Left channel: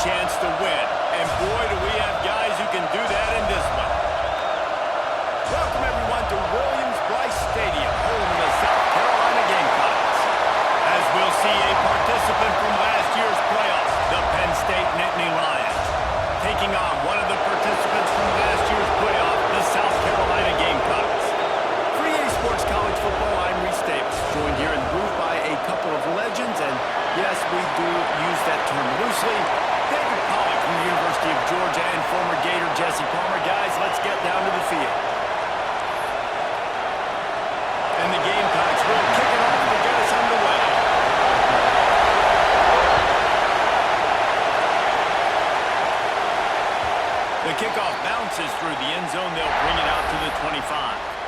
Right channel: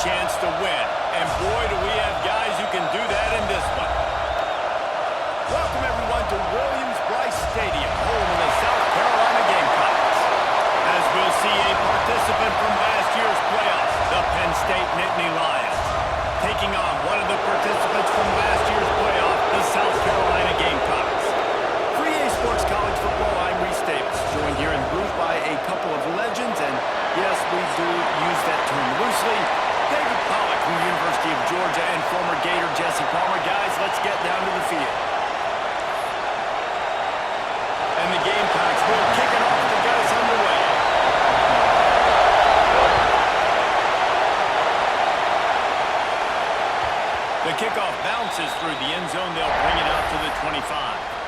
chance to win. And boy, do we have guys who can do that in this one. Welcome, everyone, to Williams-Brice Stadium, home of the South Carolina Gamecocks. As we'll see a participant from last year's playoffs, the Penn State Nittany Lions, taking on one of the participants from last year's playoff, the South Carolina Gamecocks. For EA Sports College Football, I'm Reese Davis, joined here in the booth by a couple of legends, and yes, we do use that term loosely. David Pollack from the University of Georgia and former Gator Jesse Palmer. Guys, let's get down to the field. And the Gamecocks will kick it off to get us underway. The kickoff bounces through the end zone. They'll bring it out to the 25.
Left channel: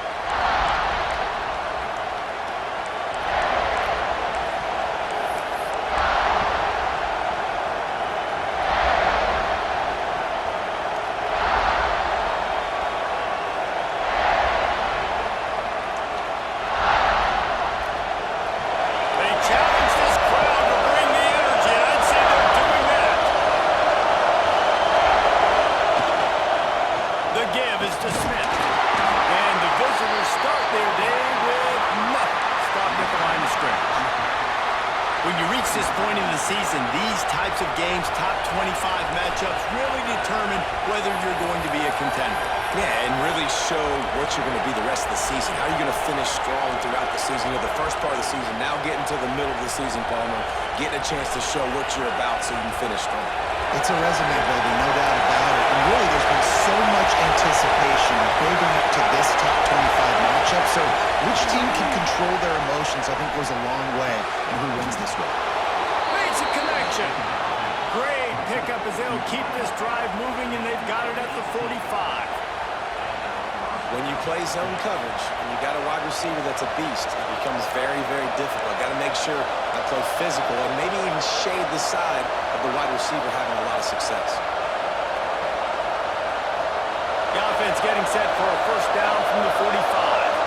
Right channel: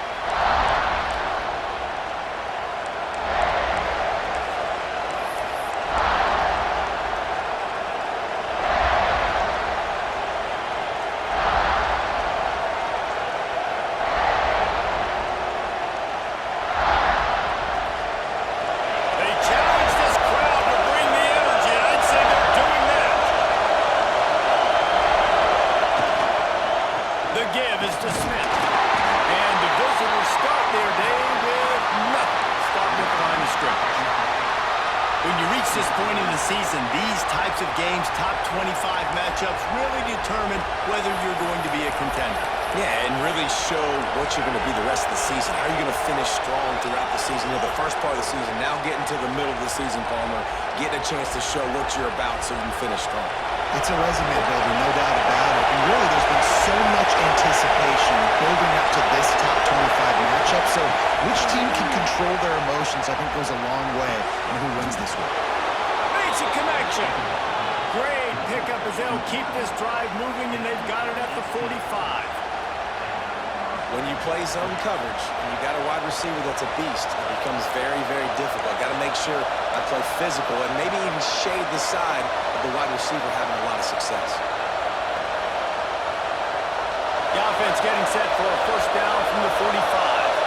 When you reach this point in the season, these types of games, top 25 matchups, really determine whether you're going to be a contender. Yeah, and really show what you're going to be the rest of the season. How are you going to finish strong throughout the season? You know, the first part of the season, now getting to the middle of the season, Palmer, getting a chance to show what you're about so you can finish strong. It's a resume builder, no doubt about it. And really, there's been so much anticipation building up to this top 25 matchup. So which team can control their emotions, I think, goes a long way in who wins this one. Makes a connection. Great pickup as they'll keep this drive moving, and they've got it at the 45. When you play zone coverage and you got a wide receiver that's a beast, it becomes very, very difficult. Got to make sure I play physical and maybe even shade the side of the wide receiver having a lot of success. The offense getting set for a first down from the 45.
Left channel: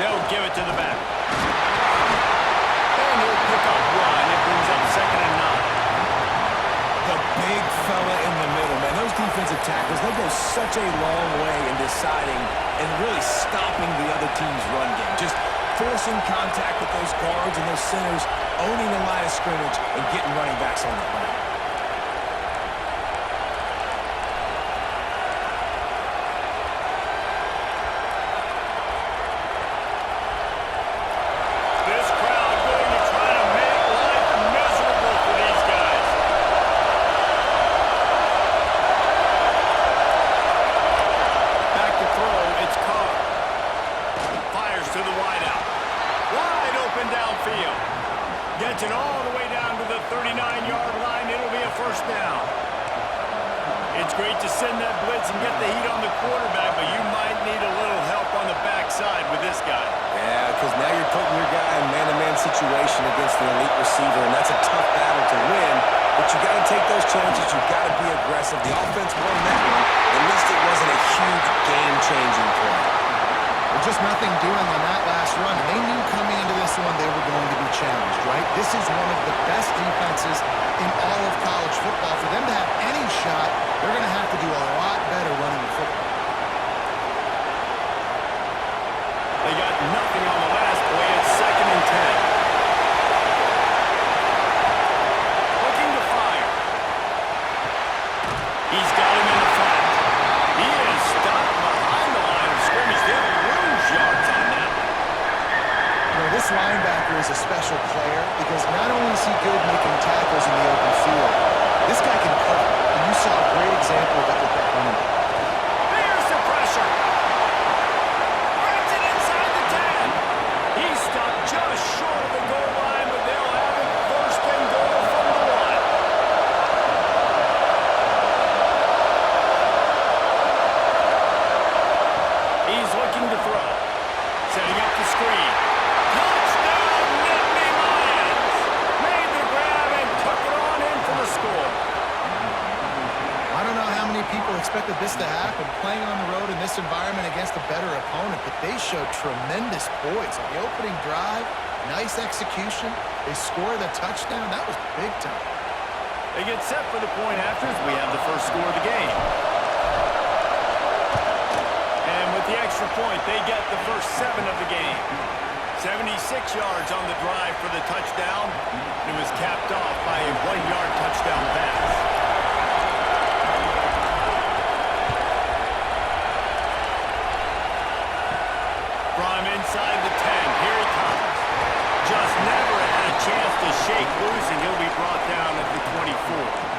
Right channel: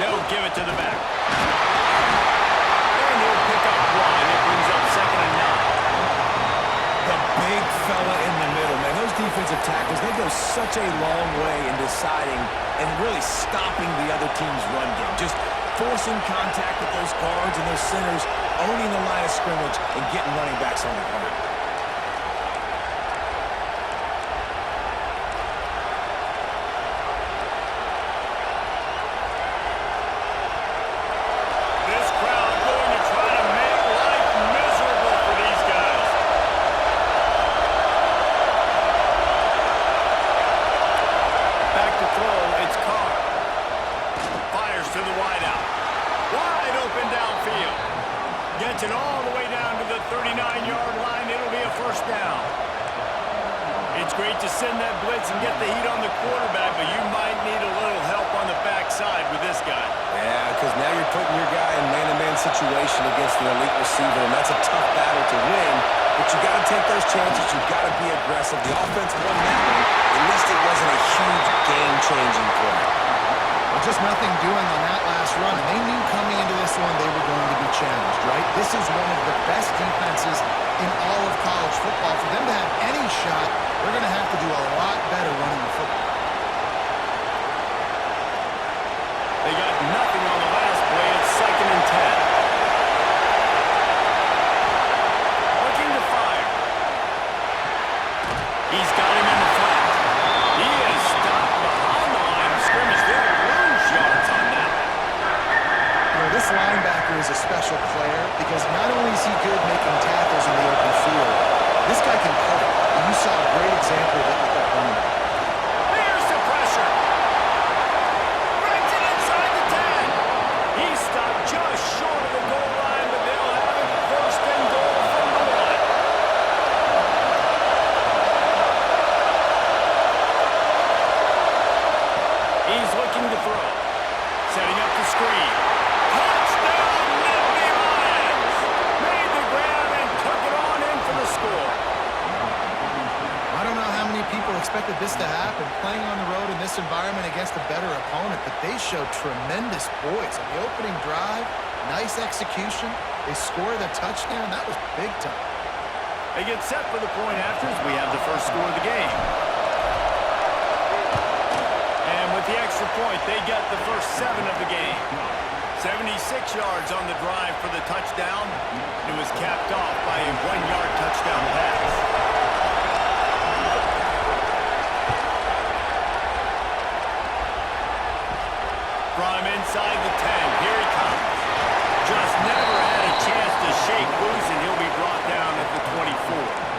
They'll give it to the back. And he'll pick up one. It brings up 2nd and 9. The big fella in the middle, man. Those defensive tackles, they go such a long way in deciding and really stopping the other team's run game. Just forcing contact with those guards and those centers, owning the line of scrimmage, and getting running backs on the ground. This crowd going to try to make life miserable for these guys. Back to throw, it's Carr. Fires to the wideout. Wide open downfield. Gets it all the way down to the 39-yard line. It'll be a first down. It's great to send that blitz and get the heat on the quarterback, but you might need a little help on the backside with this guy. Yeah, because now you're putting your guy in man-to-man situation against an elite receiver, and that's a tough battle to win, but you got to take those chances. You got to be aggressive. The offense won that one. At least it wasn't a huge game-changing play. Well, just nothing doing on that last run, and they knew coming into this one they were going to be challenged, right? This is one of the best defenses in all of college football. For them to have any shot, they're going to have to do a lot better running the football. They got nothing on the last play. It's 2nd and 10. Looking to fire. He's got him in the flat. He is stopped behind the line of scrimmage. They'll lose yards on that one. You know, this linebacker is a special player because not only is he good making tackles in the open field, this guy can cover. And you saw a great example of it with that running back. There's the pressure. Brings it inside the 10. He stopped just short of the goal line, but they'll have it 1st and goal from the 1. He's looking to throw. Setting up the screen. Touchdown, Nittany Lions! Made the grab and took it on in for the score. I don't know how many people expected this to happen, playing on the road in this environment against a better opponent, but they showed tremendous poise. On the opening drive, nice execution. They scored a touchdown. That was big time. They get set for the point after as we have the first score of the game. And with the extra point, they get the first 7 of the game. 76 yards on the drive for the touchdown. It was capped off by a 1-yard touchdown pass. From inside the 10, here he comes. Just never had a chance to shake loose, and he'll be brought down at the 24.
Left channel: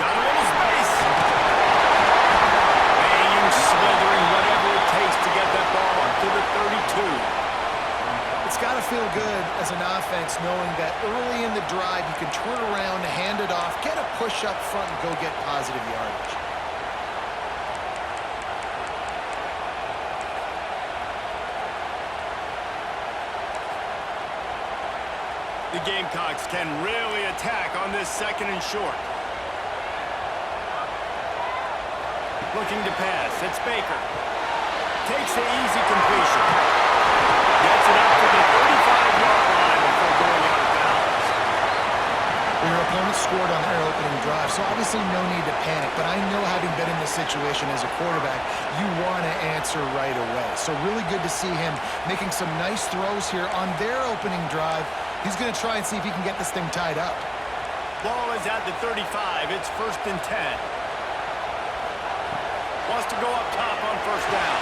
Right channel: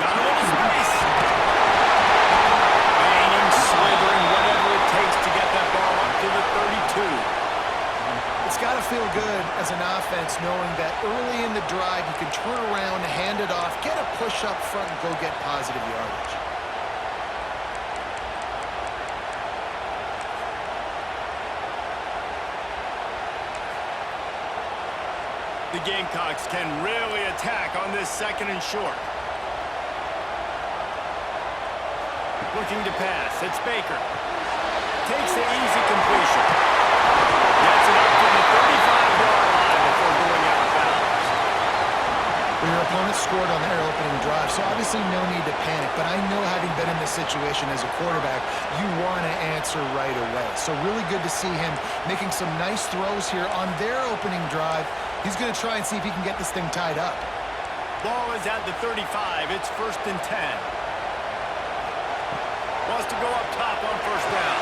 Got a little space. Banging, slithering, whatever it takes to get that ball up to the 32. It's got to feel good as an offense knowing that early in the drive you can turn around, hand it off, get a push up front, and go get positive yardage. The Gamecocks can really attack on this 2nd and short. Looking to pass. It's Baker. Takes the easy completion. Gets it up to the 35-yard line before going out of bounds. Well, your opponent scored on their opening drive, so obviously no need to panic. But I know, having been in this situation as a quarterback, you want to answer right away. So really good to see him making some nice throws here on their opening drive. He's going to try and see if he can get this thing tied up. Ball is at the 35. It's 1st and 10. Wants to go up top on 1st down.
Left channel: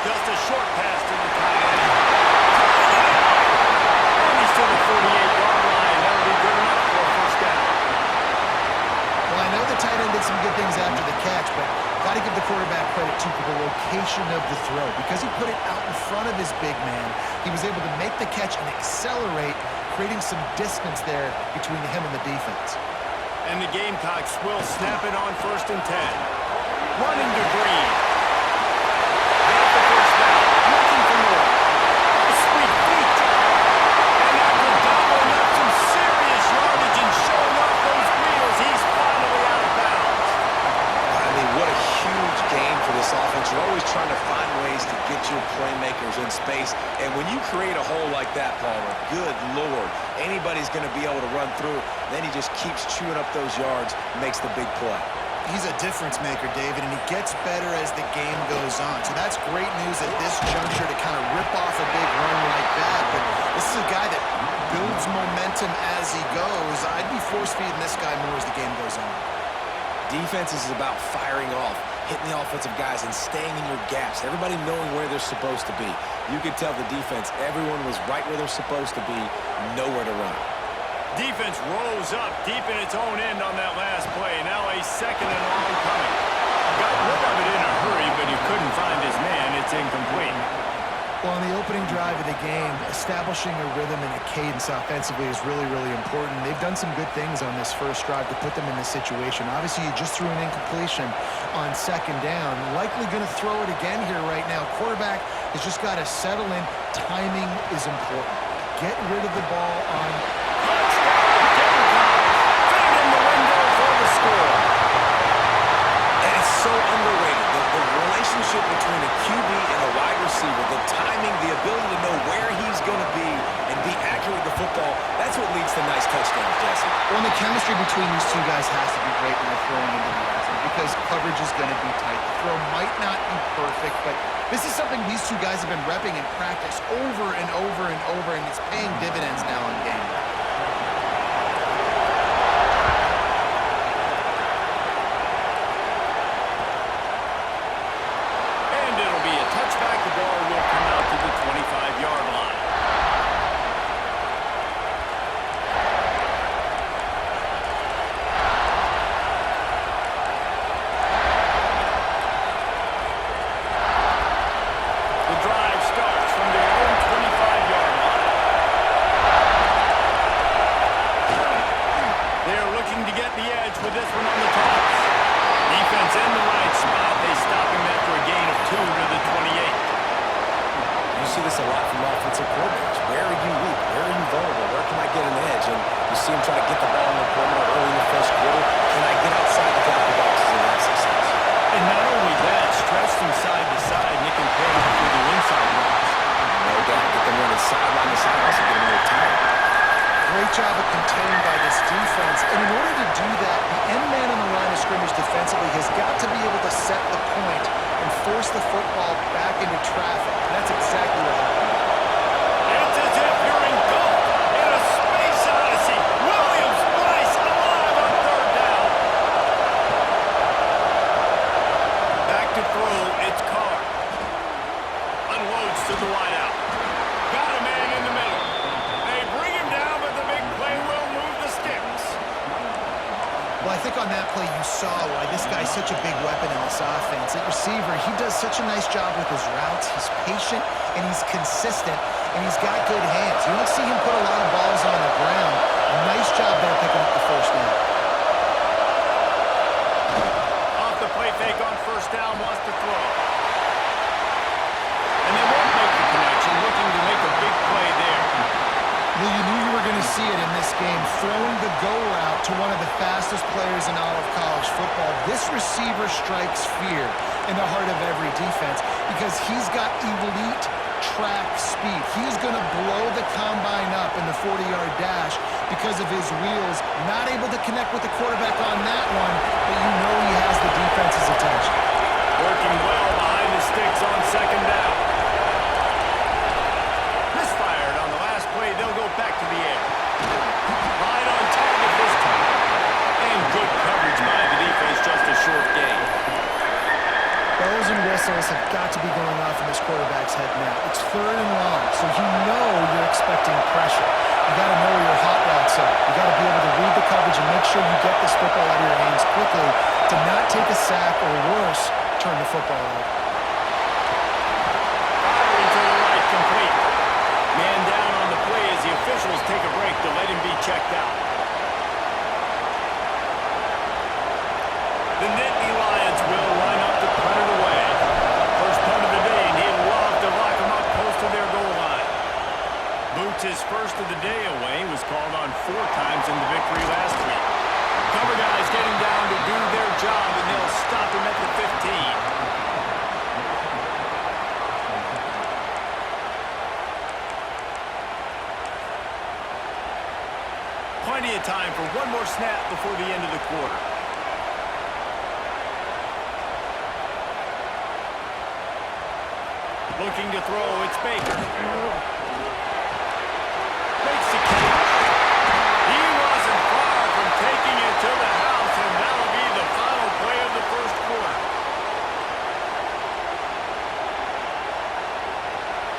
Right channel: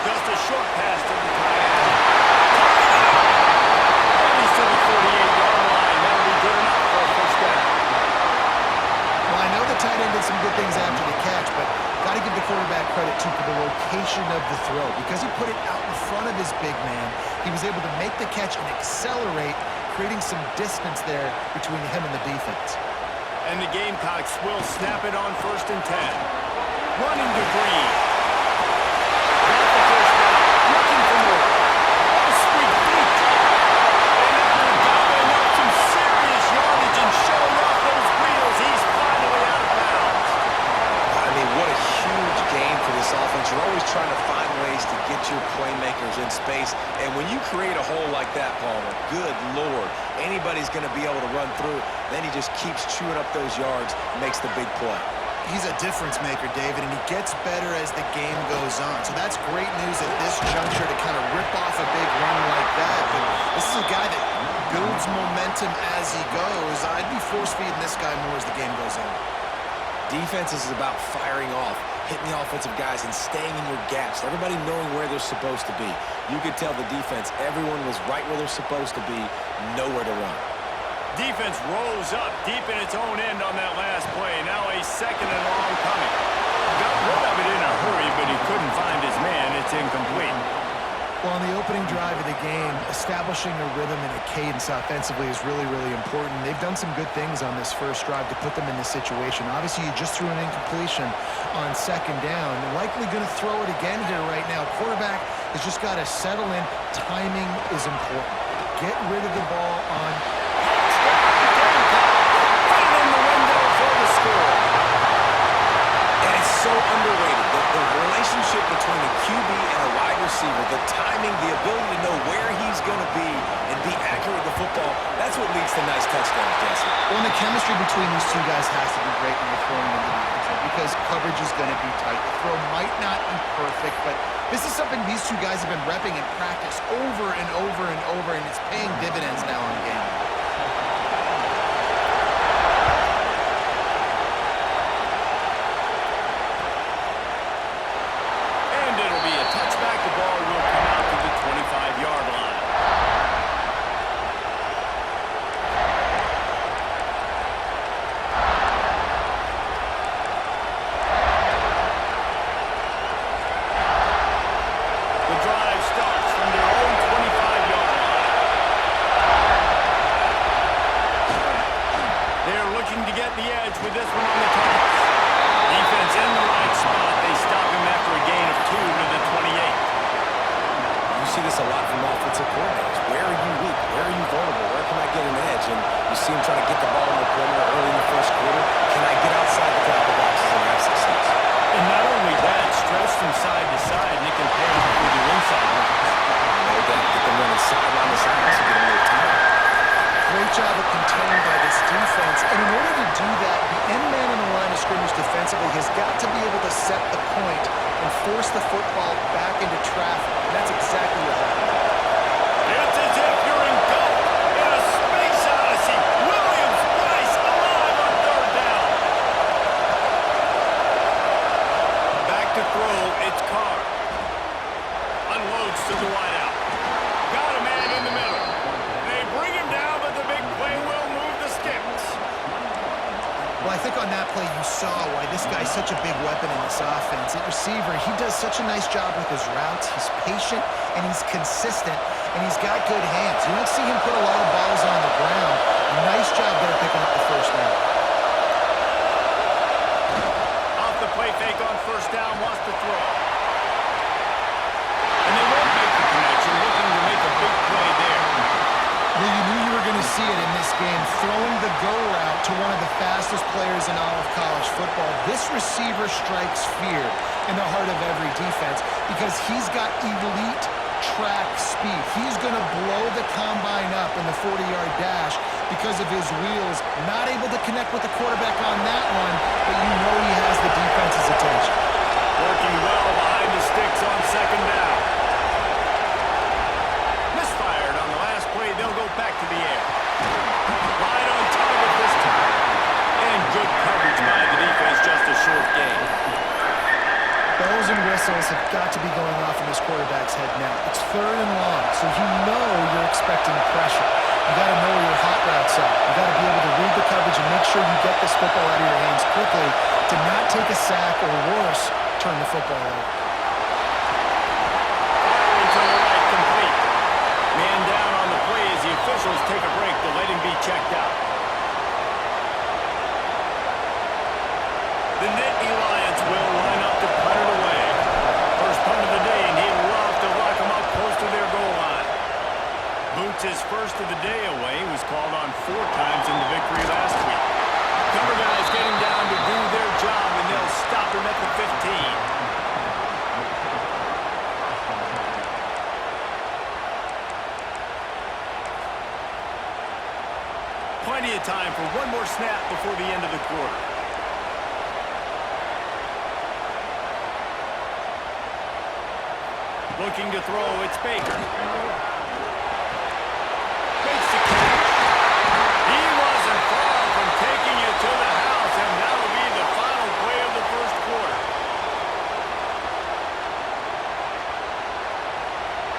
Just a short pass to the tight end. And he's to the 48-yard line. That'll be good enough for a 1st down. Well, I know the tight end did some good things after the catch, but got to give the quarterback credit, too, for the location of the throw. Because he put it out in front of his big man, he was able to make the catch and accelerate, creating some distance there between him and the defense. And the Gamecocks will snap it on 1st and 10. Running to Green. Got the 1st down. Looking for more. Oh, sweet feet. And after gobbling up some serious yardage and showing off those wheels, he's finally out of bounds. I mean, what a huge game for this offense. You're always trying to find ways to get your playmakers in space. And when you create a hole like that, Palmer, good Lord, anybody's going to be able to run through. Then he just keeps chewing up those yards, makes the big play. He's a difference maker, David, and he gets better as the game goes on. So that's great news at this juncture to kind of rip off a big run like that. But this is a guy that builds momentum as he goes. I'd be force-feeding this guy more as the game goes on. Defense is about firing off, hitting the offensive guys and staying in your gaps. Everybody knowing where they're supposed to be. You could tell the defense, everyone was right where they're supposed to be, nowhere to run. Defense rose up deep in its own end on that last play. Now a 2nd and long coming. Got rid of it in a hurry, but he couldn't find his man. It's incomplete. Well, on the opening drive of the game, establishing a rhythm and a cadence offensively is really, really important. They've done some good things on this first drive to put them in this situation. Obviously, you just threw an incompletion on 2nd down. Likely going to throw it again here right now. Quarterback has just got to settle in. Timing is important. Get rid of the ball on... Score. And it's so underrated. The relationship between a QB and a wide receiver, the timing, the ability to know where he's going to be and be accurate with the football, that's what leads to nice touchdowns, Jesse. Well, and the chemistry between these two guys has to be great when they're throwing into the end zone because coverage is going to be tight. The throw might not be perfect, but this is something these two guys have been repping in practice over and over and over, and it's paying dividends now on game day. It'll be a touchback. The ball will come out to the 25-yard line. defense in the right spot. They stop him after a gain of 2 to the 28. You see this a lot from offensive coordinators. Where are you weak? Where are you vulnerable? Where can I get an edge? And you see him trying to get the ball in the perimeter early in the first quarter. Can I get outside the tackle boxes and have success? And not only that, stretch them side to side, and it can pay off with their inside runs. No doubt. Get them running sideline to side. Also get them a little tired. Great job of containing by this defense. And in order to do that, the end man on the line of scrimmage defensively has got to be able to set the point and force the football back into traffic. And that's exactly what happened. It's as if you're engulfed in a space odyssey. Williams Bryce alive on 3rd down. Back to throw, it's Carr. Unloads to the wideout. Got a man in the middle. They bring him down, but the big play will move the sticks. Well, I think on that play you saw why this guy's such a big weapon in this offense. At receiver, he does such a nice job with his routes. He's patient, and he's consistent, and he's got good hands. You don't see him put a lot of balls on the ground. Nice job there picking up the 1st down. Off the play fake on 1st down, wants to throw. And they won't make the connection, looking to make a big play there. Well, you knew you were going to see it in this game, throwing the go route to one of the fastest players in all of college football. This receiver strikes fear in the heart of every defense because he's got elite track speed. He's going to blow the combine up in the 40-yard dash because of his wheels. Not able to connect with the quarterback on that one, but you know he has the defense's attention. Working well behind the sticks on 2nd down. Misfired on the last play. They'll go back to the air. Right on target this time. And good coverage by the defense, just a short gain. Bells and whistles have got to be going off in this quarterback's head now. It's 3rd and long, so you know you're expecting pressure. You got to know where your hot routes are. You got to be able to read the coverage and make sure you get this football out of your hands quickly to not take a sack or worse, turn the football over. Firing to the right, complete. Man down on the play as the officials take a break to let him be checked out. The Nittany Lions will line up to punt it away. First punt of the day, and he'd love to lock them up close to their goal line. Boots' first of the day away was called on 4 times in the victory last week. Cover guys getting down to do their job, and they'll stop him at the 15. Plenty of time for one more snap before the end of the quarter. Looking to throw, it's Baker. Makes the catch. He wasn't far from taking it to the house, and that'll be the final play of the first quarter.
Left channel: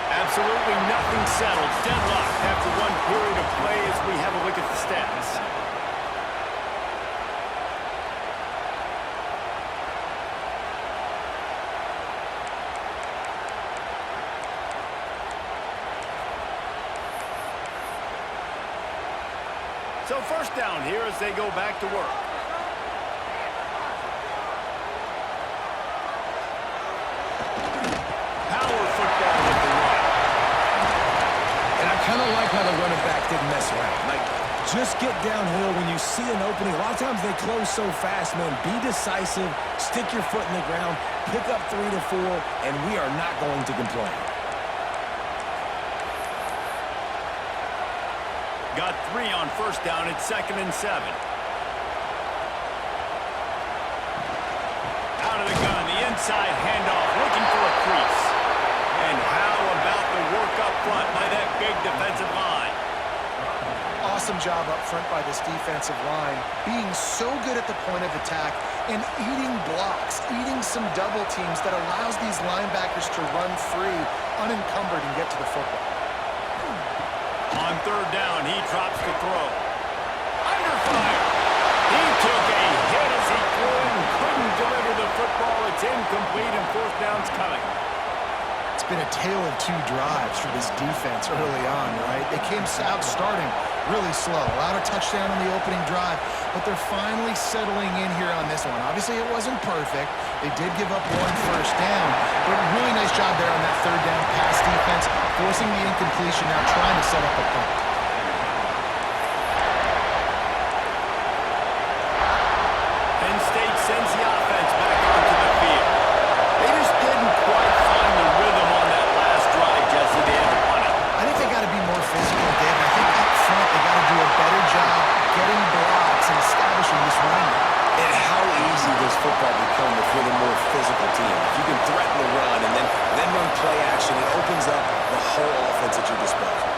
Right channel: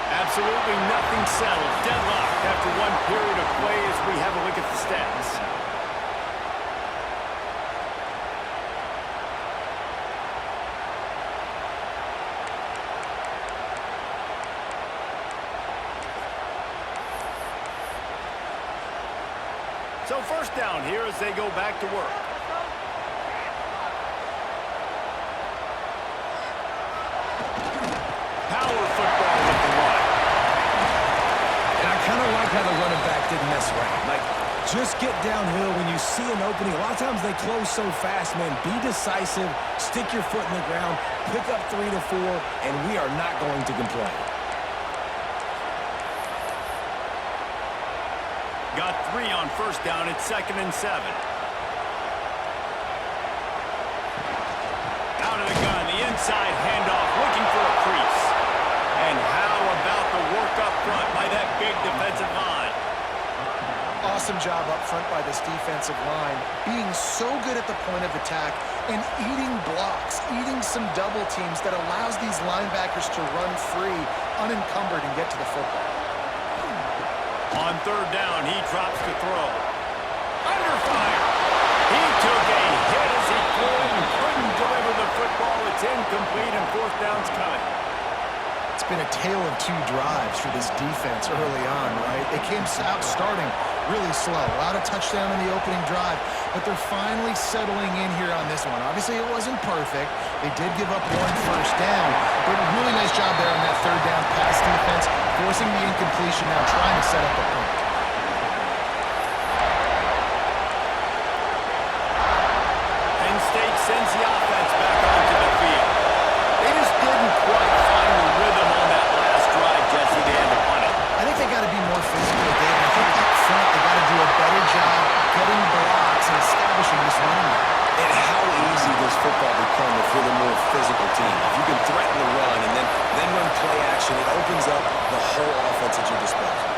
Absolutely nothing settled. Deadlocked after one period of play as we have a look at the stats. So 1st down here as they go back to work. Power football with the run. And I kind of like how the running back didn't mess around. Like, just get downhill when you see an opening. A lot of times they close so fast, man. Be decisive, stick your foot in the ground, pick up 3 to 4, and we are not going to complain. Got 3 on 1st down. It's 2nd and 7. Out of the gun, the inside handoff, looking for a crease. And how about the work up front by that big defensive line? Awesome job up front by this defensive line, being so good at the point of attack and eating blocks, eating some double teams that allows these linebackers to run free, unencumbered, and get to the football. On 3rd down, he drops to throw. Under fire. He took a hit as he threw it and couldn't deliver the football. It's incomplete, and 4th down's coming. It's been a tale of 2 drives for this defense early on, right? They came out starting really slow. Allowed a touchdown in the opening drive, but they're finally settling in here on this one. Obviously, it wasn't perfect. They did give up 1 first down, but really nice job there on that third down pass defense, forcing the incompletion, now trying to set up a punt. Penn State sends the offense back onto the field. They just didn't quite find the rhythm on that last drive, Jesse. They had to punt it. I think they got to be more physical, David. I think up front they got to do a better job getting blocks and establishing this running game. And how easy does football become if you're the more physical team? If you can threaten the run and then run play action, it opens up the whole offense at your disposal.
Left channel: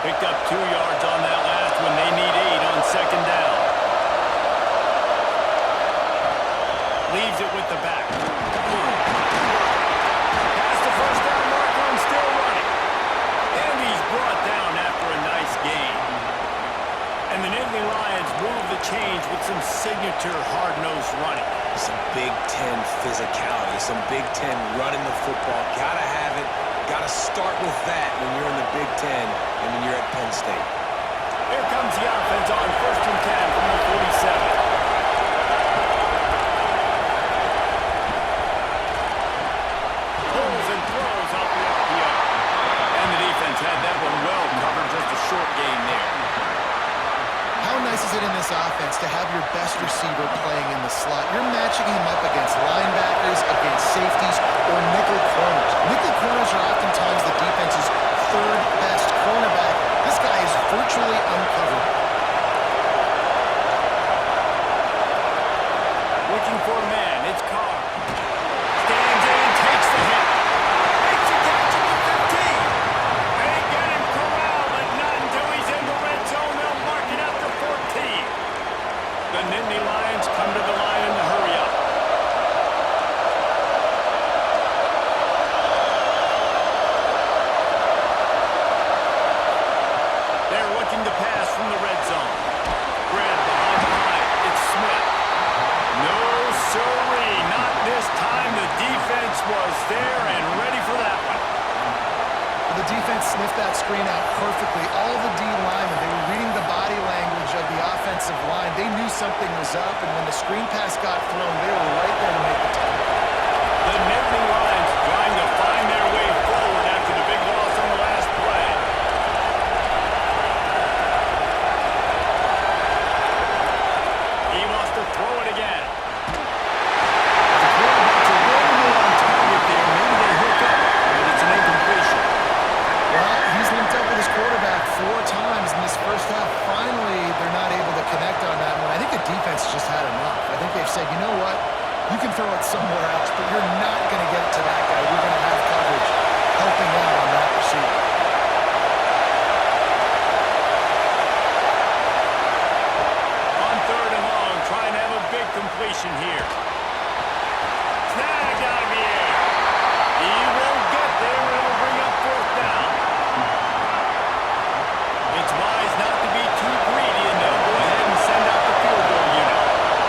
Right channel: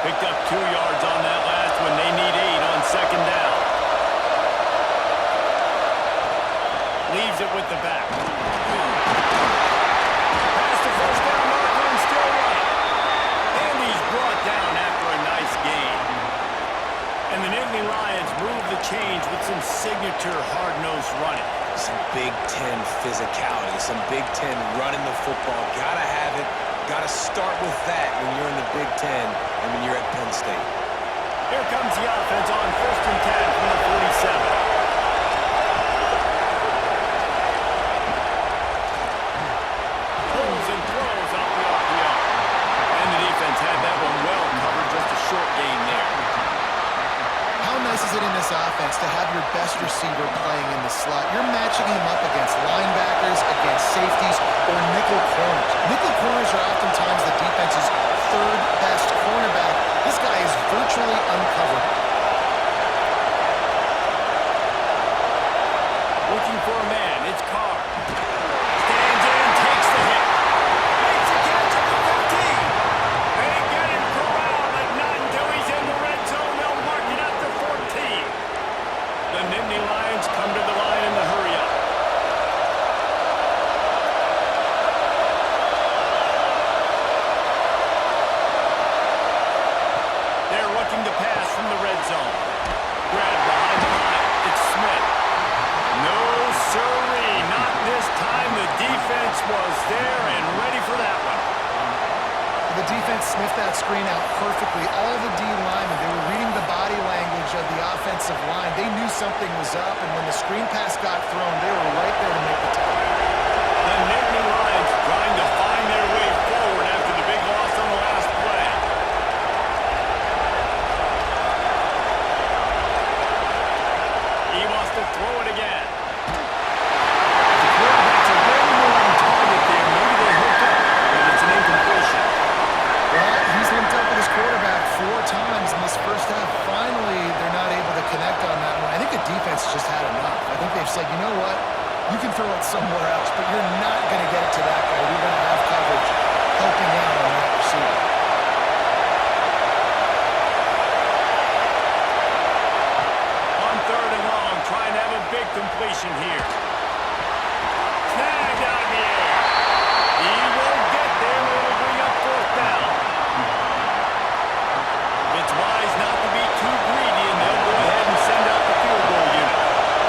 Picked up 2 yards on that last one. They need 8 on second down. Leaves it with the back. Past the first down marker and still running. And he's brought down after a nice gain. And the Nittany Lions move the change with some signature hard-nosed running. Some Big Ten physicality, some Big Ten running the football. Gotta have it. Gotta start with that when you're in the Big Ten and when you're at Penn State. Here comes the offense on 1st and 10 from the 47. Pulls and throws off the RPO. And the defense had that one well covered, just a short gain there. How nice is it in this offense to have your best receiver playing in the slot? You're matching him up against linebackers, against safeties, or nickel corners. Nickel corners are oftentimes the defense's 3rd best cornerback. This guy is virtually uncovered. Looking for a man, it's Carr. Stands in and takes the hit. Makes a catch at the 15. They get him corralled, but not until he's in the red zone. They'll mark it at the 14. The Nittany Lions come to the line in the hurry-up. They're looking to pass from the red zone. Grab behind the line. It's Smith. No, sirree, not this time. The defense was there and ready for that one. The defense sniffed that screen out perfectly. All the D linemen, they were reading the body language of the offensive line. They knew something was up, and when the screen pass got thrown, they were right there to make the tackle. The Nittany Lions trying to find their way forward after the big loss on the last play. He wants to throw it again. The quarterback's a little more on target there. Maybe they hook up, but it's an incompletion. Well, he's linked up with his quarterback 4 times in this first half. Finally, they're not able to connect on that one. I think the defense just had enough. I think they've said, you know what? You can throw it somewhere else, but you're not going to get it to that guy. We're going to have coverage helping out on that receiver. On 3rd and long, trying to have a big completion here. Snagged out of the air. He won't get there. It'll bring up 4th down. It's wise not to be too greedy, and they'll go ahead and send out the field goal unit.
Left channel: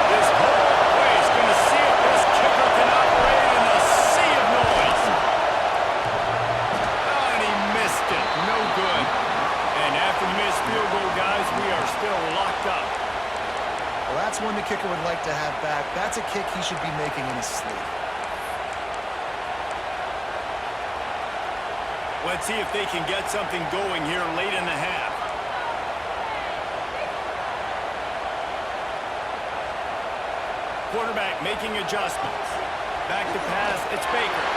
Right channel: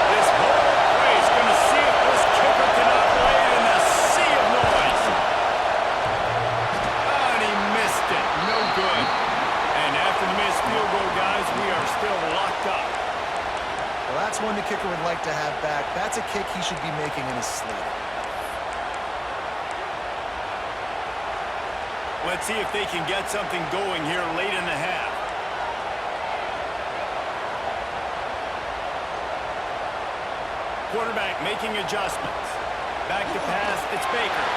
This whole place going to see if this kicker can operate in a sea of noise. Oh, and he missed it. No good. And after the missed field goal, guys, we are still locked up. Well, that's one the kicker would like to have back. That's a kick he should be making in his sleep. Let's see if they can get something going here late in the half. Quarterback making adjustments. Back to pass, it's Baker.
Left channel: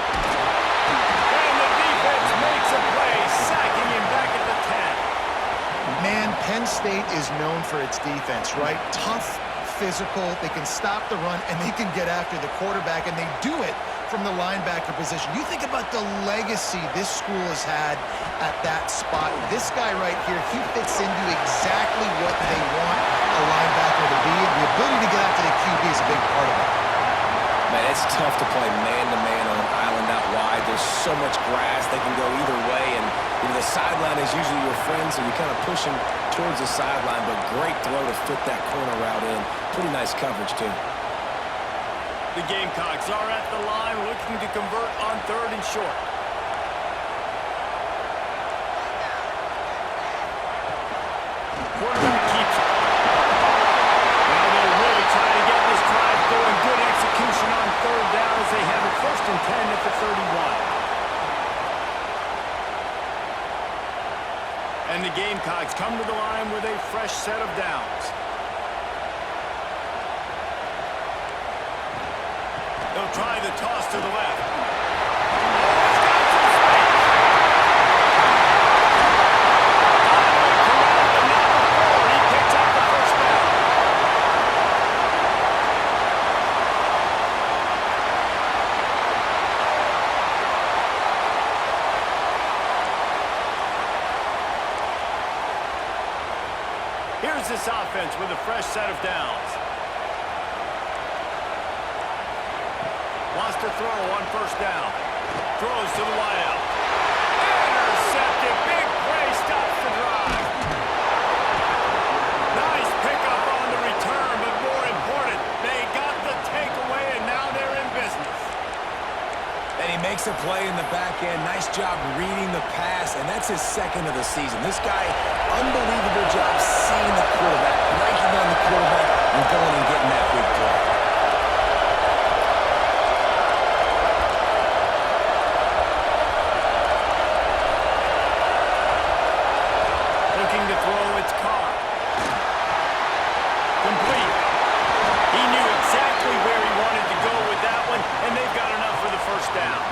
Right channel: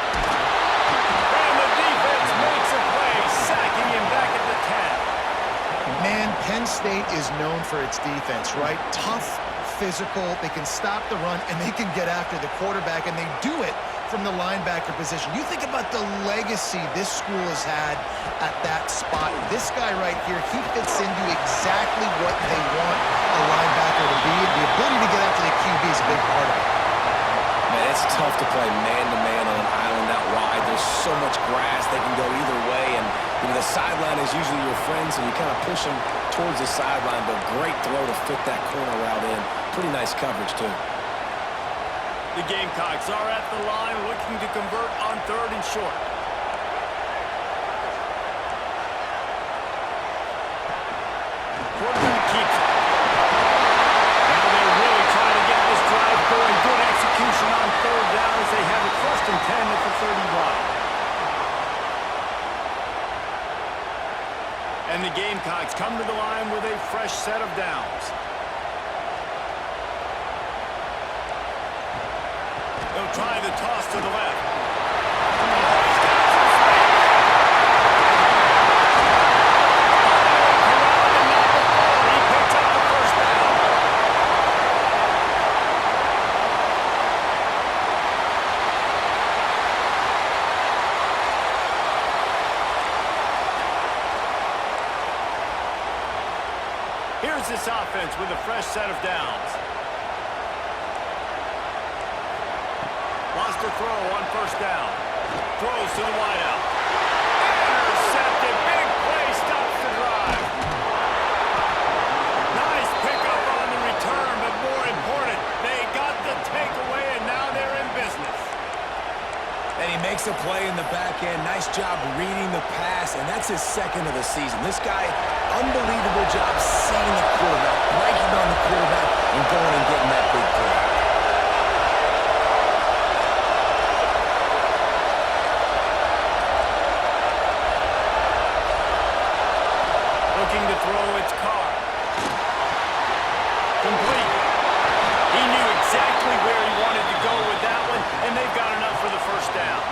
And the defense makes a play, sacking him back at the 10. Man, Penn State is known for its defense, right? Tough, physical, they can stop the run, and they can get after the quarterback, and they do it from the linebacker position. You think about the legacy this school has had at that spot. This guy right here, he fits into exactly what they want a linebacker to be, and the ability to get after the QB is a big part of it. Man, it's tough to play man-to-man on an island out wide. There's so much grass. They can go either way, and the sideline is usually your friend, so you kind of push them towards the sideline, but great throw to fit that corner route in. Pretty nice coverage, too. The Gamecocks are at the line looking to convert on 3rd and short. Quarterback keeps it. Now they're really trying to get this drive going. Good execution on 3rd down as they have it 1st and 10 at the 31. And the Gamecocks come to the line with a fresh set of downs. They'll try the toss to the left. Oh, he's got some space. Finally corralled, but not before. He picks up the 1st down. Here's this offense with a fresh set of downs. Wants to throw on 1st down. Throws to the wideout. Intercepted. Big play. Stops the drive. Nice pickup on the return, but more important, they got the takeaway, and now they're in business. And he makes a play in the back end. Nice job reading the pass, and that's his 2nd of the season. This guy, unbelievable job seeing the quarterback, breaking on the quarterback, and going and getting that big play. Looking to throw, it's Carr. Complete. He knew exactly where he wanted to go with that one, and they've got enough for the 1st down.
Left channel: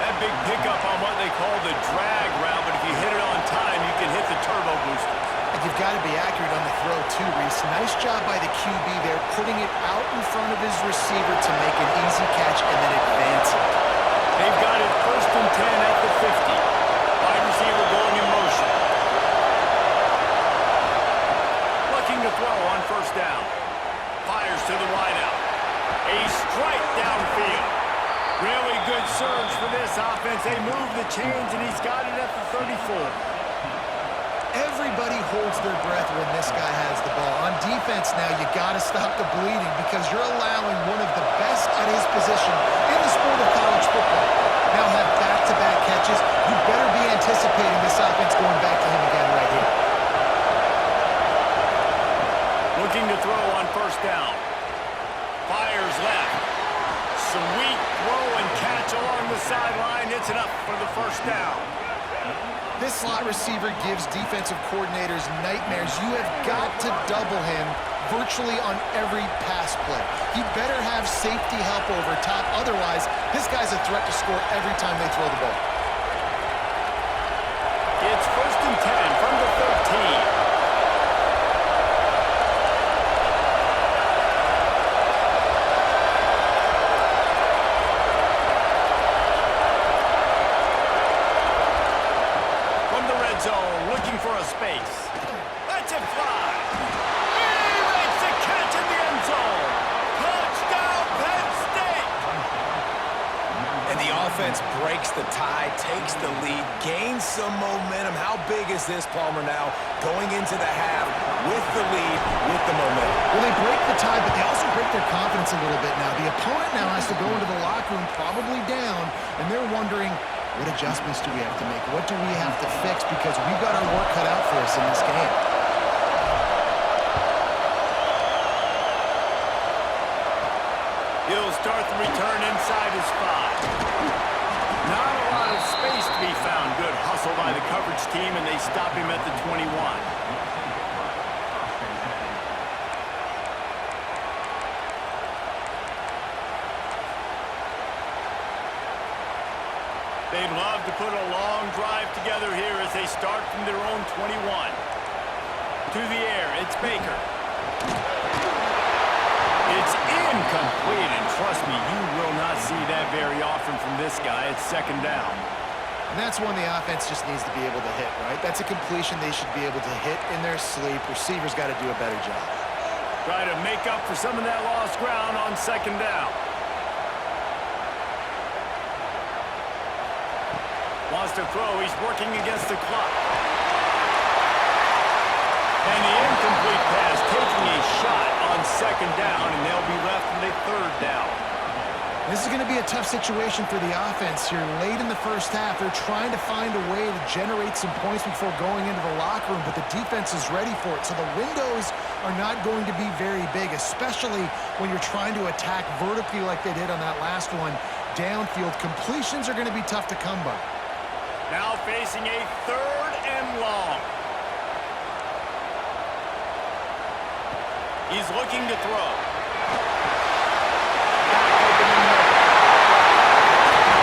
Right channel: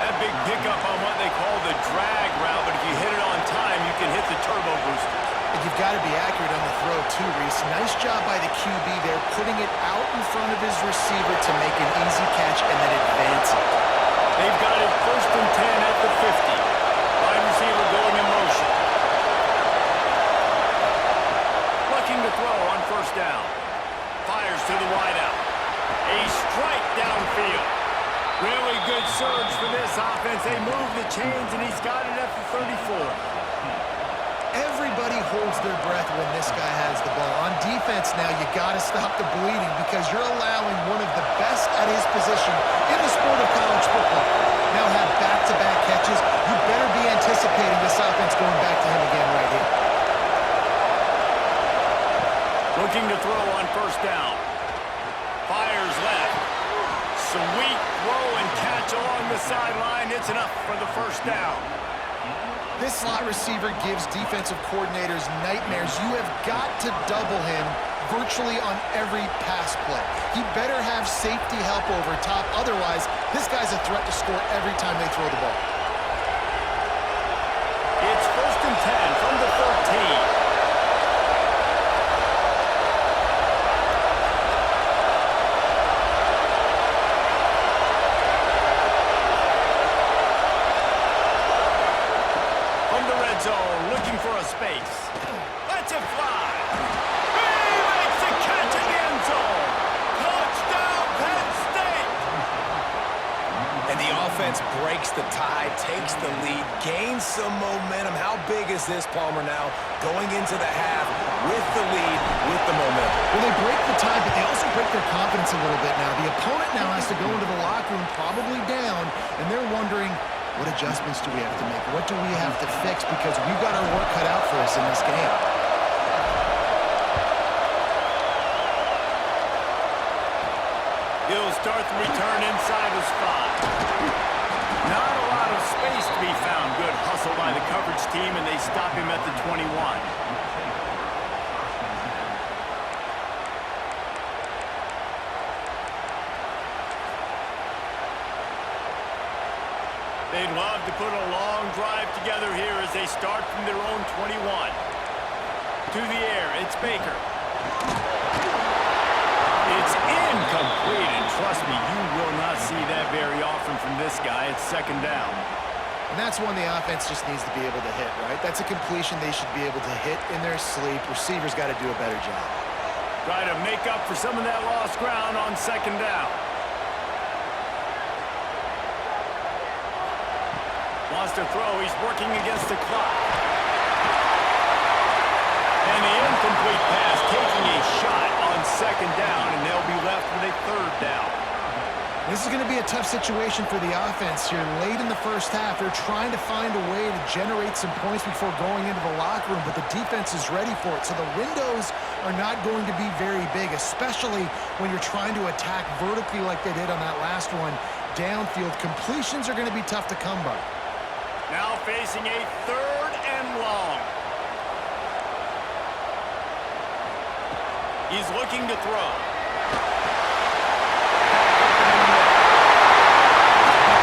That big pickup on what they call the drag route, but if you hit it on time, you can hit the turbo boosters. And you've got to be accurate on the throw too, Reese. Nice job by the QB there, putting it out in front of his receiver to make an easy catch and then advance it. They've got it 1st and 10 at the 50. Wide receiver going in motion. Looking to throw on 1st down. Fires to the wideout. A strike downfield. Really good surge for this offense. They move the chains, and he's got it at the 34. Everybody holds their breath when this guy has the ball. On defense now, you got to stop the bleeding because you're allowing one of the best at his position in the sport of college football. Now have back-to-back catches. You better be anticipating this offense going back to him again right here. Looking to throw on 1st down. Fires left. Sweet throw and catch along the sideline. It's enough for the 1st down. This slot receiver gives defensive coordinators nightmares. You have got to double him virtually on every pass play. He better have safety help over top. Otherwise, this guy's a threat to score every time they throw the ball. It's 1st and 10 from the 13. Zone, looking for a space. Lets it fly. He makes the catch in the end zone. Touchdown, Penn State. And the offense breaks the tie, takes the lead, gains some momentum. How big is this, Palmer, now? Going into the half with the lead, with the momentum. Well, they break the tie, but they also break their confidence a little bit now. The opponent now has to go into the locker room probably down, and they're wondering, what adjustments do we have to make? What do we have to fix? Because we've got our work cut out for us in this game. He'll start the return inside his 5. Not a lot of space to be found. Good hustle by the coverage team, and they stop him at the 21. They'd love to put a long drive together here as they start from their own 21. To the air, it's Baker. It's incomplete, and trust me, you will not see that very often from this guy. It's 2nd down. And that's one the offense just needs to be able to hit, right? That's a completion they should be able to hit in their sleep. Receivers got to do a better job. Try to make up for some of that lost ground on 2nd down. Wants to throw. He's working against the clock. And the incomplete pass taking a shot on second down, and they'll be left with a third down. This is going to be a tough situation for the offense here. Late in the first half, they're trying to find a way to generate some points before going into the locker room, but the defense is ready for it. So the windows are not going to be very big, especially when you're trying to attack vertically like they did on that last one. Downfield completions are going to be tough to come by. Now facing a third and long. He's looking to throw. Back open in the middle.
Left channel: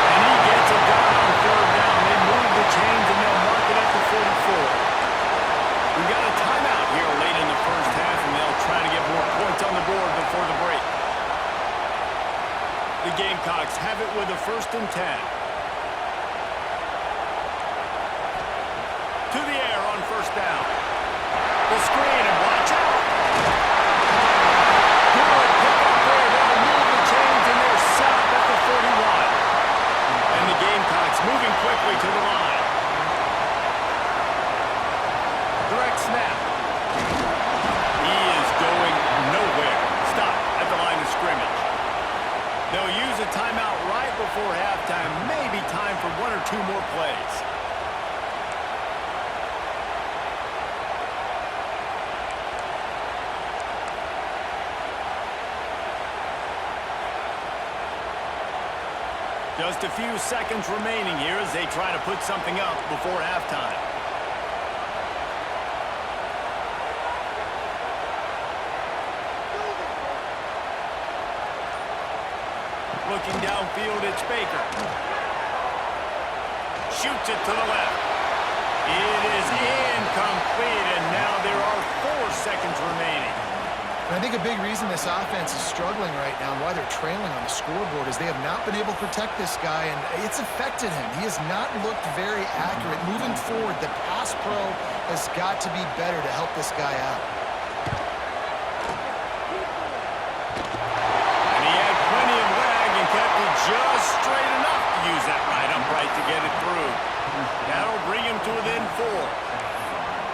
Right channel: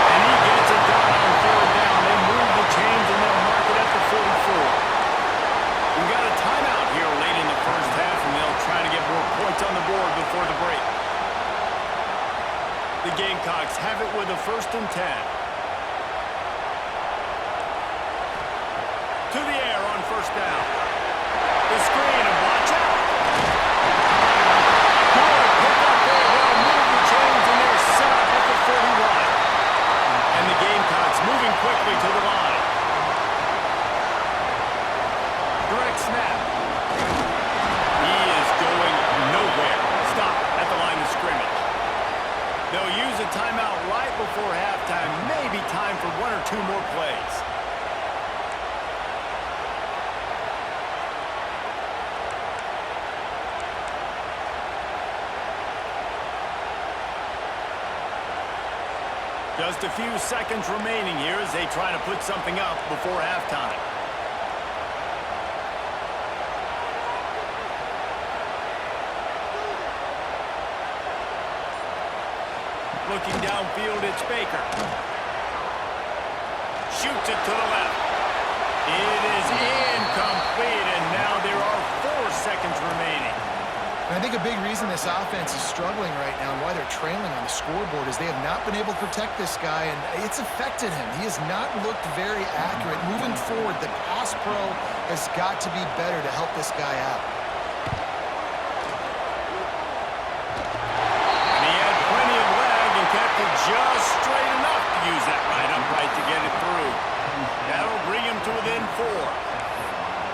And he gets it done on third down. They move the chains and they'll mark it at the 44. We've got a timeout here late in the first half, and they'll try to get more points on the board before the break. The Gamecocks have it with a 1st and 10. To the air on 1st down. The screen, and watch out. Good pick up there. They'll move the chains, and they're set up at the 41. And the Gamecocks moving quickly to the line. Direct snap. He is going nowhere. Stop at the line of scrimmage. They'll use a timeout right before halftime. Maybe time for 1 or 2 more plays. Just a few seconds remaining here as they try to put something up before halftime. Looking downfield, it's Baker. Shoots it to the left. It is incomplete, and now there are 4 seconds remaining. And I think a big reason this offense is struggling right now and why they're trailing on the scoreboard is they have not been able to protect this guy, and it's affected him. He has not looked very accurate. Moving forward, the pass pro has got to be better to help this guy out. And he had plenty of leg and kept it just straight enough to use that right upright to get it through. That'll bring him to within 4.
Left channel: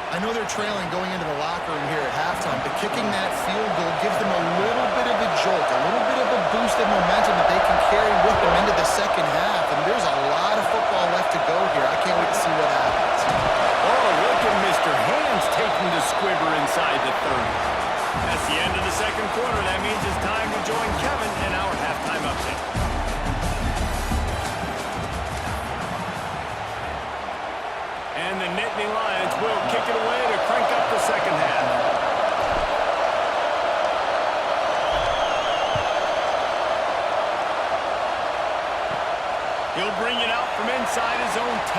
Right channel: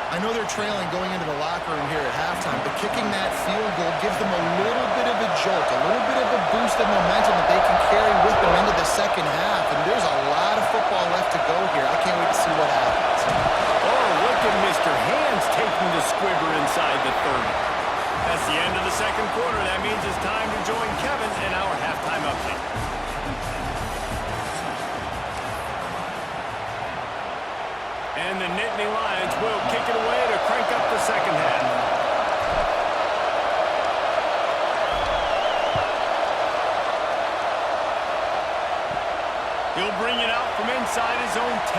I know they're trailing going into the locker room here at halftime, but kicking that field goal gives them a little bit of a jolt, a little bit of a boost of momentum that they can carry with them into the second half, and there's a lot of football left to go here. I can't wait to see what happens. Oh, look at Mr. Hands taking the squibber inside the 30. That's the end of the second quarter. That means it's time to join Kevin in our halftime update. And the Nittany Lions will kick it away to crank up the second half. He'll bring it out from inside his own 10.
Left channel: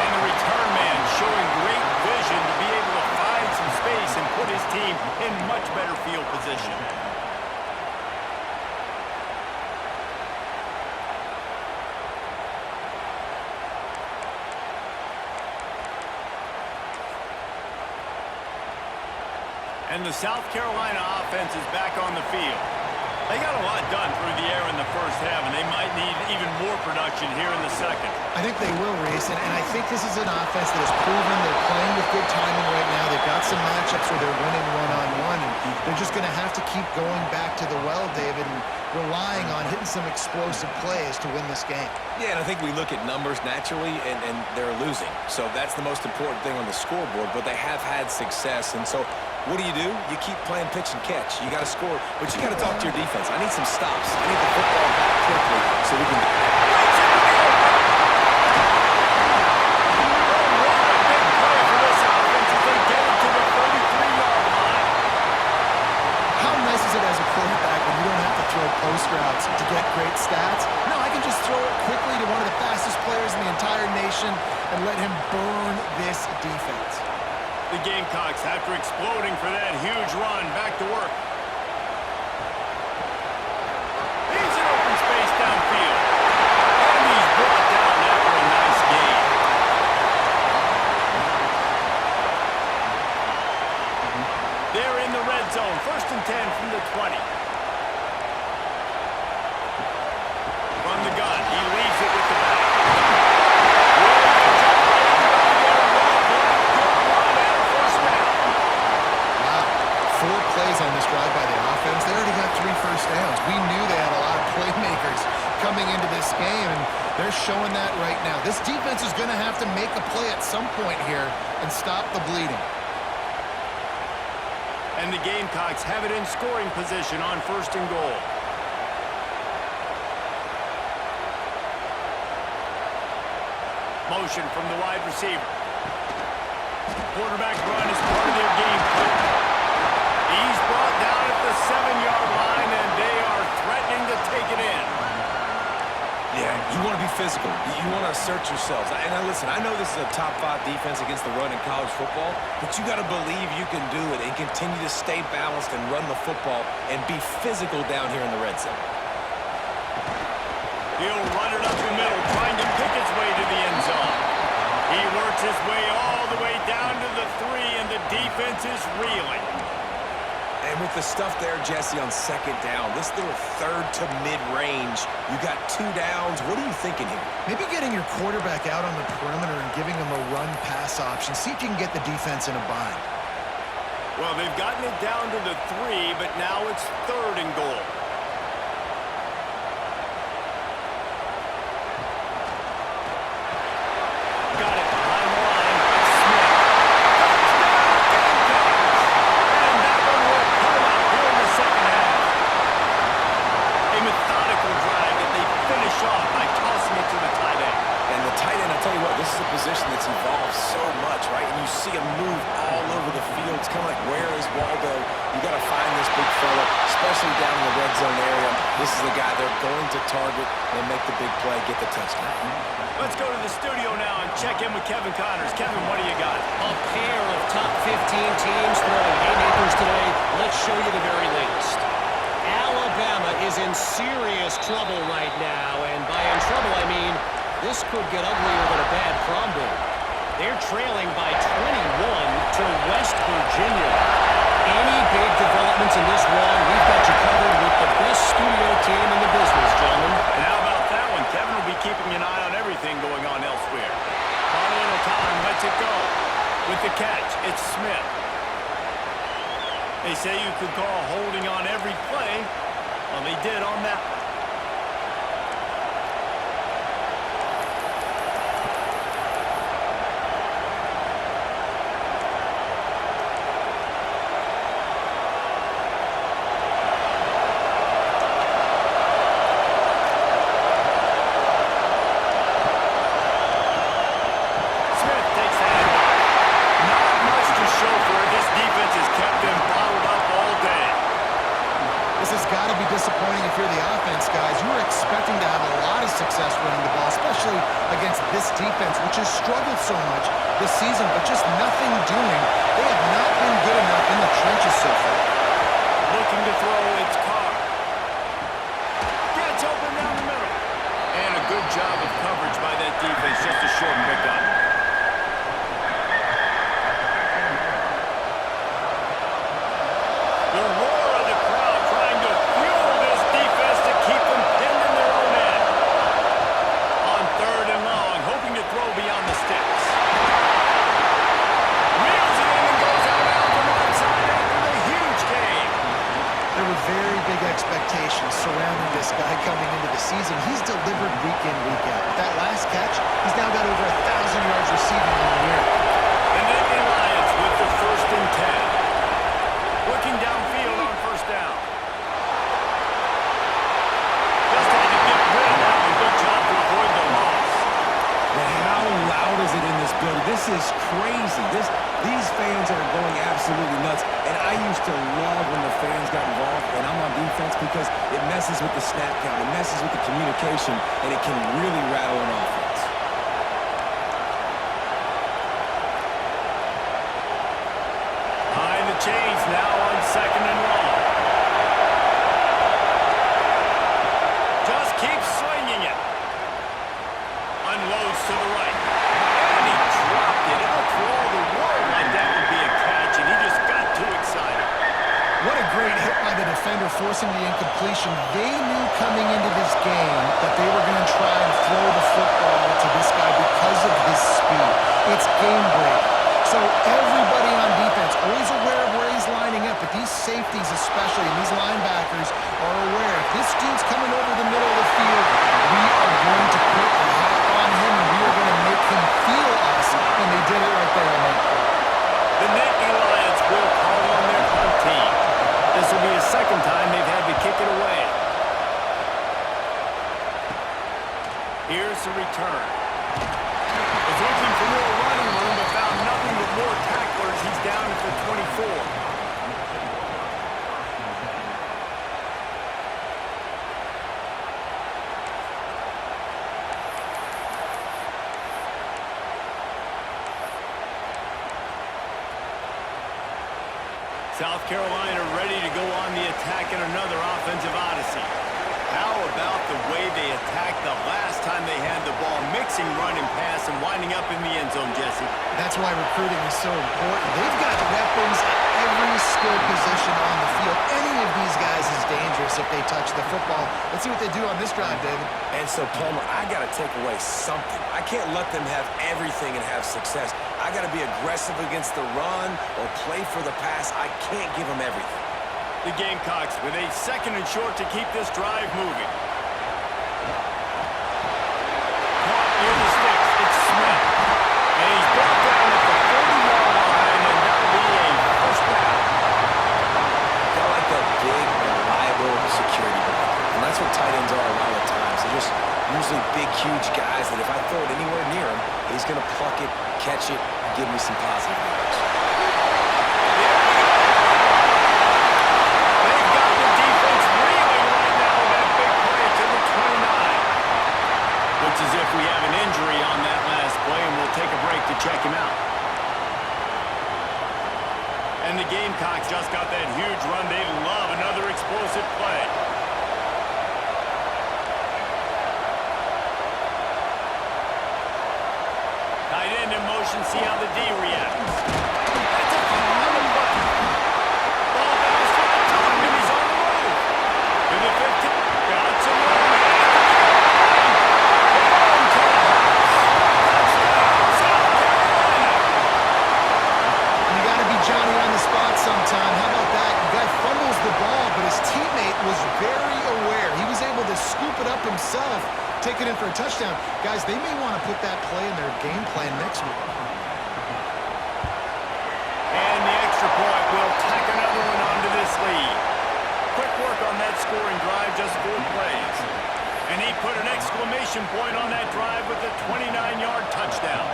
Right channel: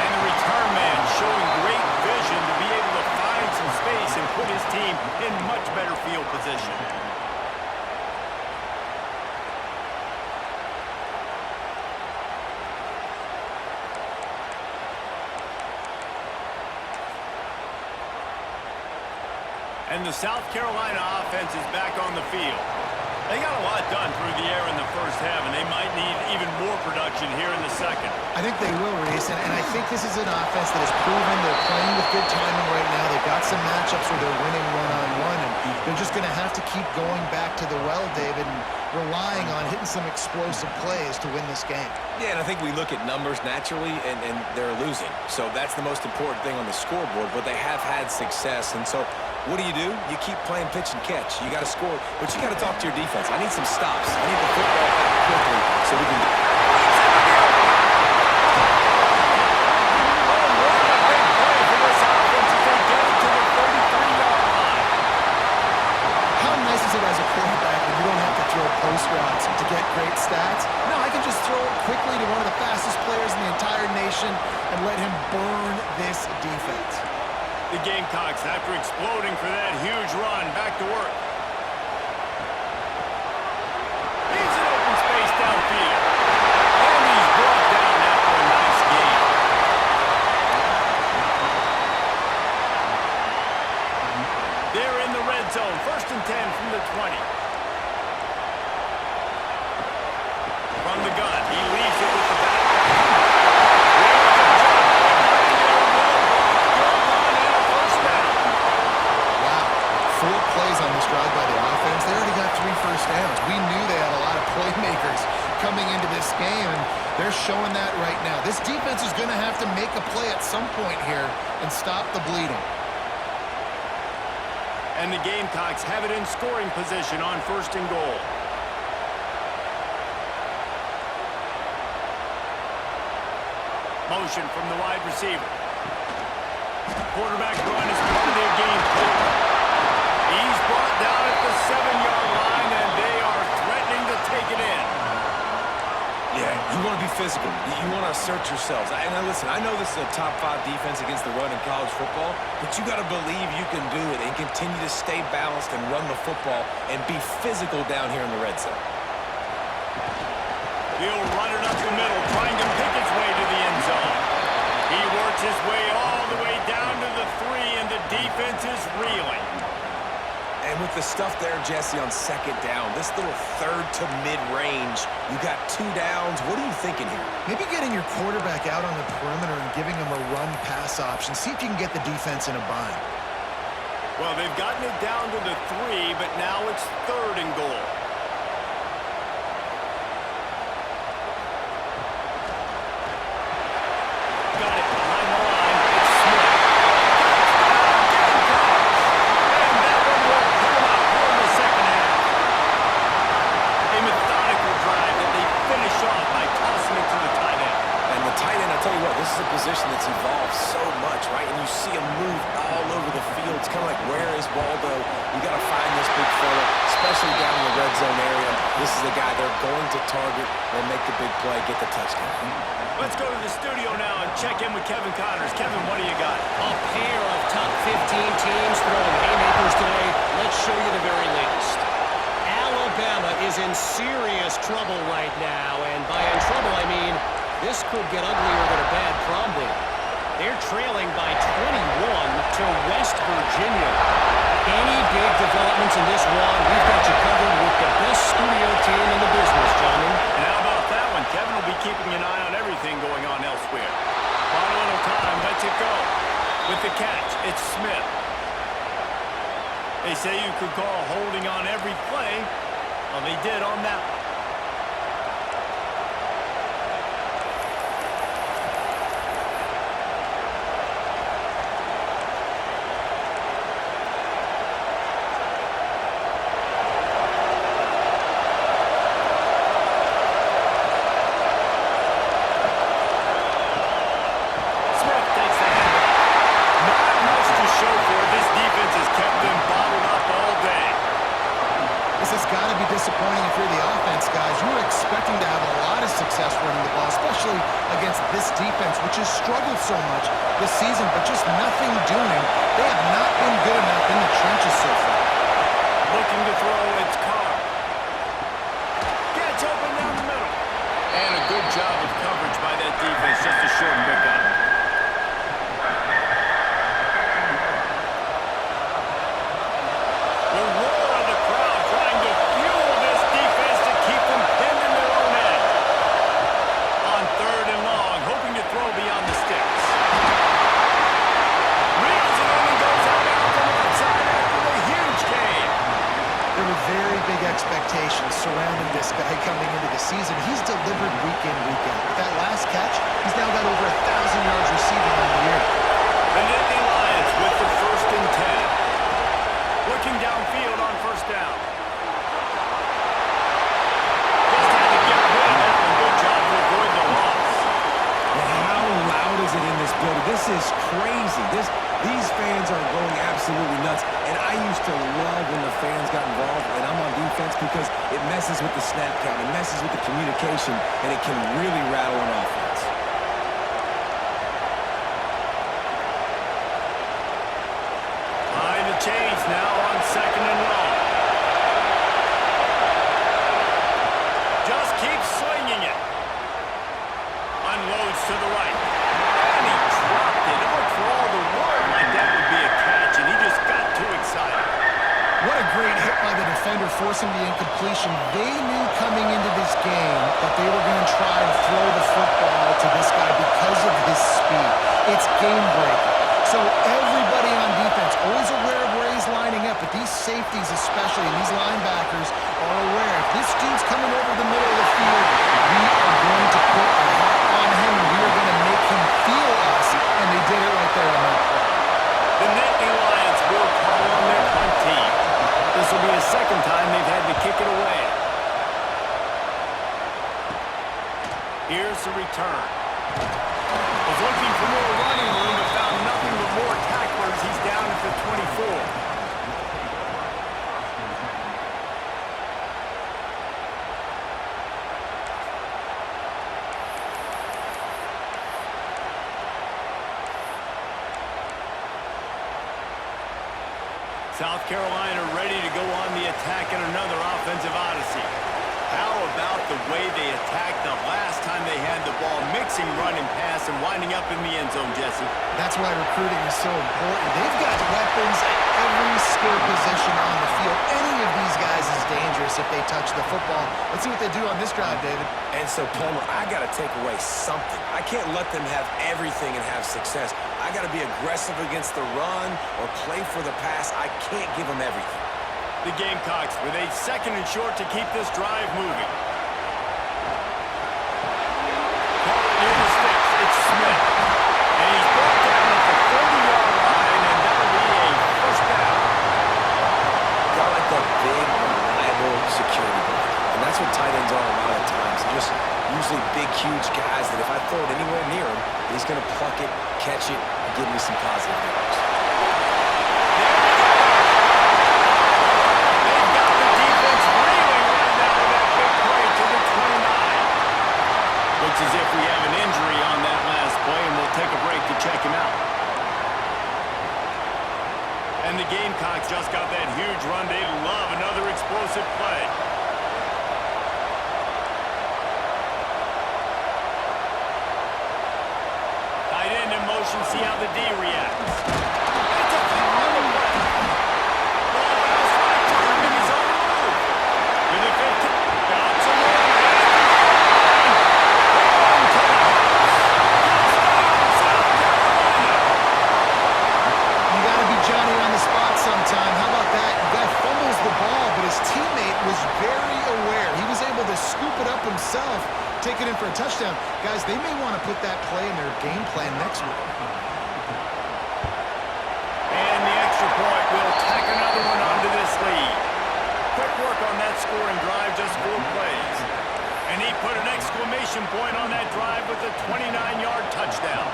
And the return man showing great vision to be able to find some space and put his team in much better field position. And the South Carolina offense is back on the field. They got a lot done through the air in the first half, and they might need even more production here in the second. I think they will, Reese, and I think this is an offense that has proven they're playing with good timing right now. They've got some matchups where they're winning one-on-one, and they're just going to have to keep going back to the well, David, and relying on hitting some explosive plays to win this game. Yeah, and I think we look at numbers naturally, and they're losing. So that's the most important thing on the scoreboard, but they have had success, and so what do? You keep playing pitch and catch. You got to score, but you got to talk to your defense. I need some stops. I need the football back quickly so we can... Breaks into the open. Oh, what a big play for this offense as they get it to the 33-yard line. How nice is it as a quarterback when you don't have to throw post routes to get great stats? No, I can just throw it quickly to one of the fastest players in the entire nation and let him burn this defense. The Gamecocks, after exploding for that huge run, back to work. He's in open space downfield. And he's brought down after a nice gain. They're in the red zone. 1st and 10 from the 20. From the gun, he leaves it with the back. Really good job by everybody there. Well blocked, good run, and a 3 first downs. We knew they had a lot of playmakers coming into this game, and they're showing that right now. This defense is going to have to make a play at some point here and stop the bleeding. And the Gamecocks have it in scoring position on 1st and goal. Motion from the wide receiver. Quarterback run is part of their game plan. He's brought down at the 7-yard line, and they are threatening to take it in. Yeah, you want to be physical. You want to assert yourselves. And listen, I know this is a top 5 defense against the run in college football, but you got to believe you can do it and continue to stay balanced and run the football and be physical down here in the red zone. He'll run it up the middle, trying to pick his way to the end zone. He works his way all the way down to the 3, and the defense is reeling. And with the stuff there, Jesse, on 2nd down, this little 3rd to mid-range, you got 2 downs. What are you thinking here? Maybe getting your quarterback out on the perimeter and giving him a run-pass option. See if you can get the defense in a bind. Well, they've gotten it down to the 3, but now it's 3rd and goal. Got it behind the line. It's Smith. Touchdown, Gamecocks! And that one will pull them out here in the 2nd half. A methodical drive that they finish off by tossing it to the tight end. And the tight end, I'll tell you what, this is a position that's evolved so much, right? And you see him move all over the field. It's kind of like, where is Waldo? You got to find this big fella, especially down in the red zone area. This is the guy they're going to target and make the big play, get the touchdown. Let's go to the studio now and check in with Kevin Connors. Kevin, what do you got? A pair of top 15 teams throwing haymakers today. Let's show you the very latest. Alabama is in serious trouble right now, and by in trouble, I mean this could get uglier than a bad prom date. They're trailing by 21 to West Virginia. Any big developments in this one, we've got you covered with the best studio team in the business, gentlemen. And how about that one? Kevin will be keeping an eye on everything going on elsewhere. Monumental time lets it go. With the catch, it's Smith. They say you could call holding on every play. Well, they did on that one. This has got to be disappointing if you're the offense, guys. You were expecting to have a lot of success running the ball, especially against this defense, which has struggled so much this season, but just nothing doing. They have not been good enough in the trenches so far. Looking to throw, it's Carr. Gets open down the middle. And a good job of coverage by that defense, just a short pickup. The roar of the crowd trying to fuel this defense to keep them pinned in their own end. On 3rd and long, hoping to throw beyond the sticks. Reels it in and goes out on the left side after the huge game. There were very big expectations surrounding this guy coming into the season. He's delivered week in, week out. With that last catch, he's now got over 1,000 yards receiving on the year. The Nittany Lions with the 1st and 10. Looking downfield on 1st down. Just had to get rid of that one. Good job to avoid the loss. And how loud is it in this building? This is crazy. These fans are going absolutely nuts. And I used to love when the fans got involved, and I'm on defense because it messes with the snap count. It messes with the communication, and it can really rattle an offense. Behind the chains now on 2nd and long. Just keeps swinging it. Unloads to the right. And he dropped it. It looked for all the world like that would be a catch, and he just got too excited. What a great hit by the defender, forcing the incompletion. They knew coming into this game that they were going to try to throw the football to this guy because of his speed. It's game-breaking. So everybody on defense always aware of where he's lining up, but these safeties especially, and these linebackers are aware. If this dude's coming over the middle of the field, we are going to put a hat on him, and we are going to make him feel us, and they did it right there on that play. The Nittany Lions will call on their punt team. This will be the second time they've had to kick it away. Here's the return. Was looking for more running room, but found nothing but more tacklers. He's down at the 24. South Carolina ready to go on the attack in another offensive odyssey. How about the way they attacked the last time they had the ball, mixing run and pass and winding up in the end zone, Jesse? That's why recruiting is so important. They've got weapons at every skill position on the field. Any of these guys is dangerous if they touch the football. Let's see what they do on this drive, David. And so, Palmer, I got to take away something. I can't let them have everything and have success. I got to be aggressive against the run or play for the pass. I can't give them everything. The Gamecocks with a second and short to keep this drive moving. Caught near the sticks. It's Smith. And he's brought down at the 40-yard line, and that'll be a first down. Got like that big, reliable security blanket. And that's what tight ends are a lot of times. They're just usually big, huge guys that if I throw it anywhere near him, he's going to pluck it, catch it, and give me some positive yards. There we go. They've got the defense reeling right now with that big play to the 29. Looks as if we have an injury on that last play, and we'll take a break to check him out. And the Gamecocks just got that huge run. They love another explosive play. Tight end in motion, see how the D reacts. It's a foul on the play. Ball bounced right to him, and he's on the move. To the 15. Got some room. And to the line. Home to the house. Touchdown, South Carolina. You got to be Johnny on the spot sometime. How about that? The guy fumbles the ball, but his teammate was very aware. He was able to scoop it up himself, take it in for a touchdown. Guys, they may want to put that play in their game plan next week. And the extra point will tack another one onto this lead. Quick work on that scoring drive, just 4 plays. And he put an exclamation point on that drive with a 29-yard touchdown.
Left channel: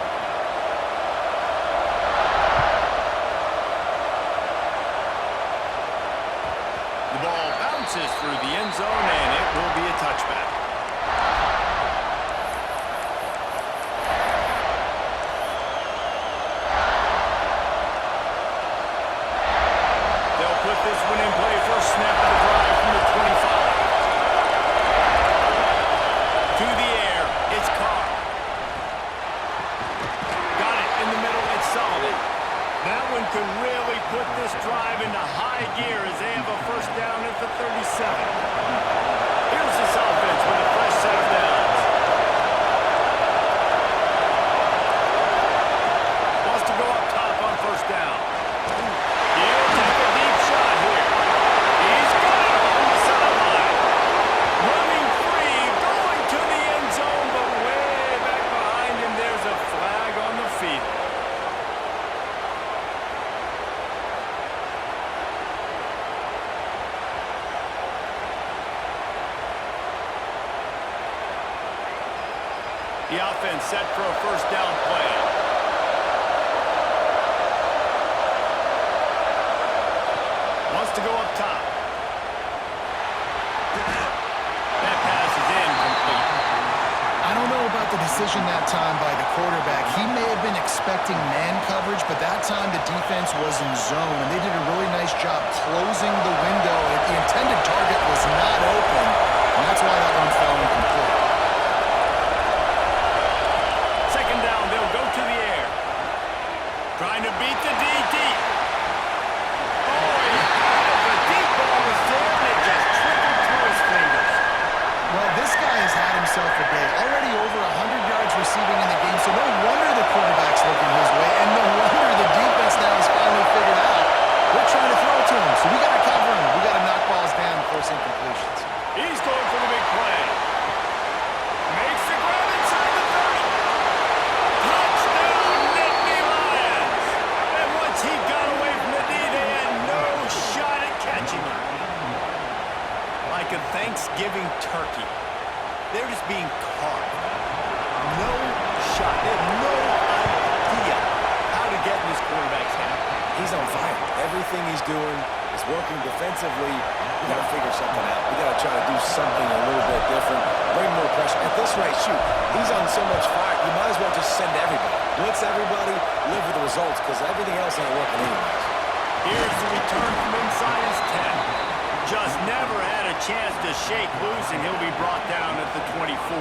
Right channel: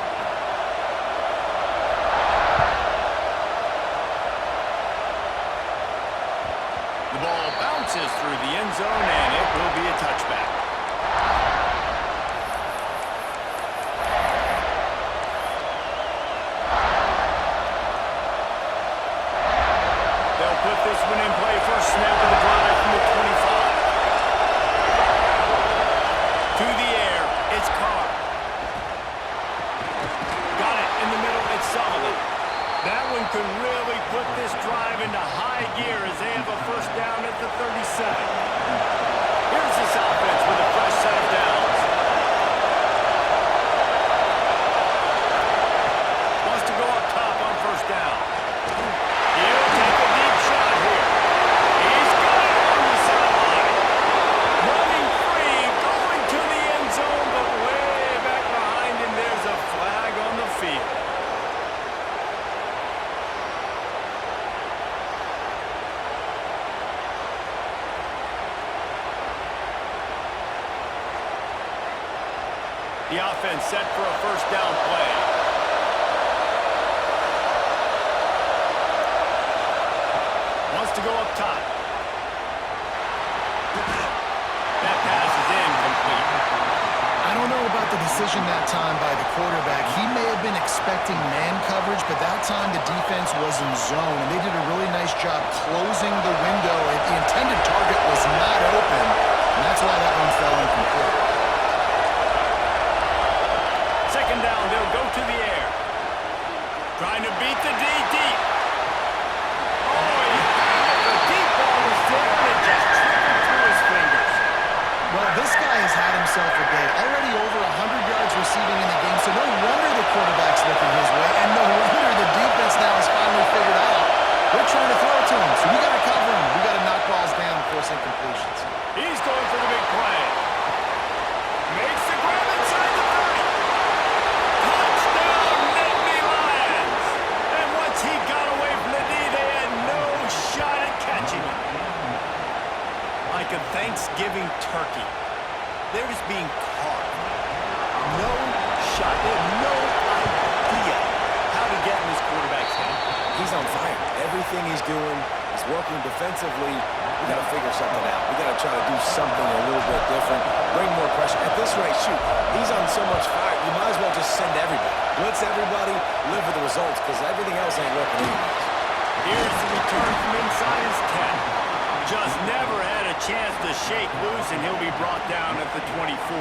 The ball bounces through the end zone, and it will be a touchback. They'll put this one in play. First snap of the drive from the 25. To the air, it's Carr. Got it in the middle, it's Sullivan. That one could really put this drive into high gear as they have a first down at the 37. Here's this offense with a fresh set of downs. Wants to go up top on first down. He'll take a deep shot here. He's got it along the sideline. Running free, going to the end zone, but way back behind him, there's a flag on the field. The offense set for a first down play. Wants to go up top. That pass is incomplete. I don't know about the decision that time by the quarterback. He may have been expecting man coverage, but that time the defense was in zone, and they did a really nice job closing the window. The intended target was not open, and that's why that one fell incomplete. Second down, they'll go to the air. Trying to beat the D deep. Oh, he had it. The deep ball was there, and it just trickled through his fingers. Well, This guy has had himself a day. Already over 100 yards receiving in the game, so no wonder the quarterback's looking his way, and no wonder the defense now has finally figured out they're trying to throw it to him, so we got to cover him. We got to knock balls down, force incompletions. He's going for the big play. Makes the grab inside the 30. Touchdown, Nittany Lions! And once he got away from the D, they had no shot at catching him. Like a Thanksgiving turkey, they're just being carved. No shot. They have no idea how to get in this quarterback's head. He's on fire. Everything he's doing is working defensively. We got to figure something out. We got to try to do something a little bit different, bring more pressure. At this rate, shoot, he's on so much fire, you might as well just send everybody. Blitz everybody, live with the results, because everything else ain't working anyways. Here's the return from inside his 10. Just never had a chance to shake loose, and he'll be brought down at the 24.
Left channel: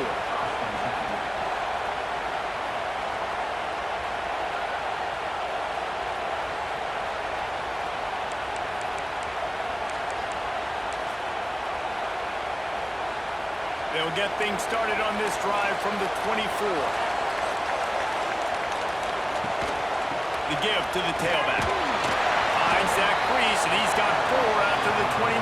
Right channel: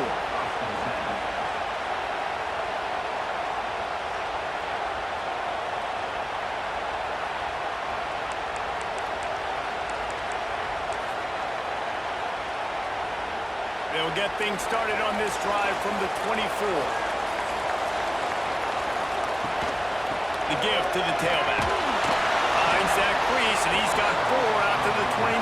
They'll get things started on this drive from the 24. The give to the tailback. Finds that crease, and he's got 4 after the 29.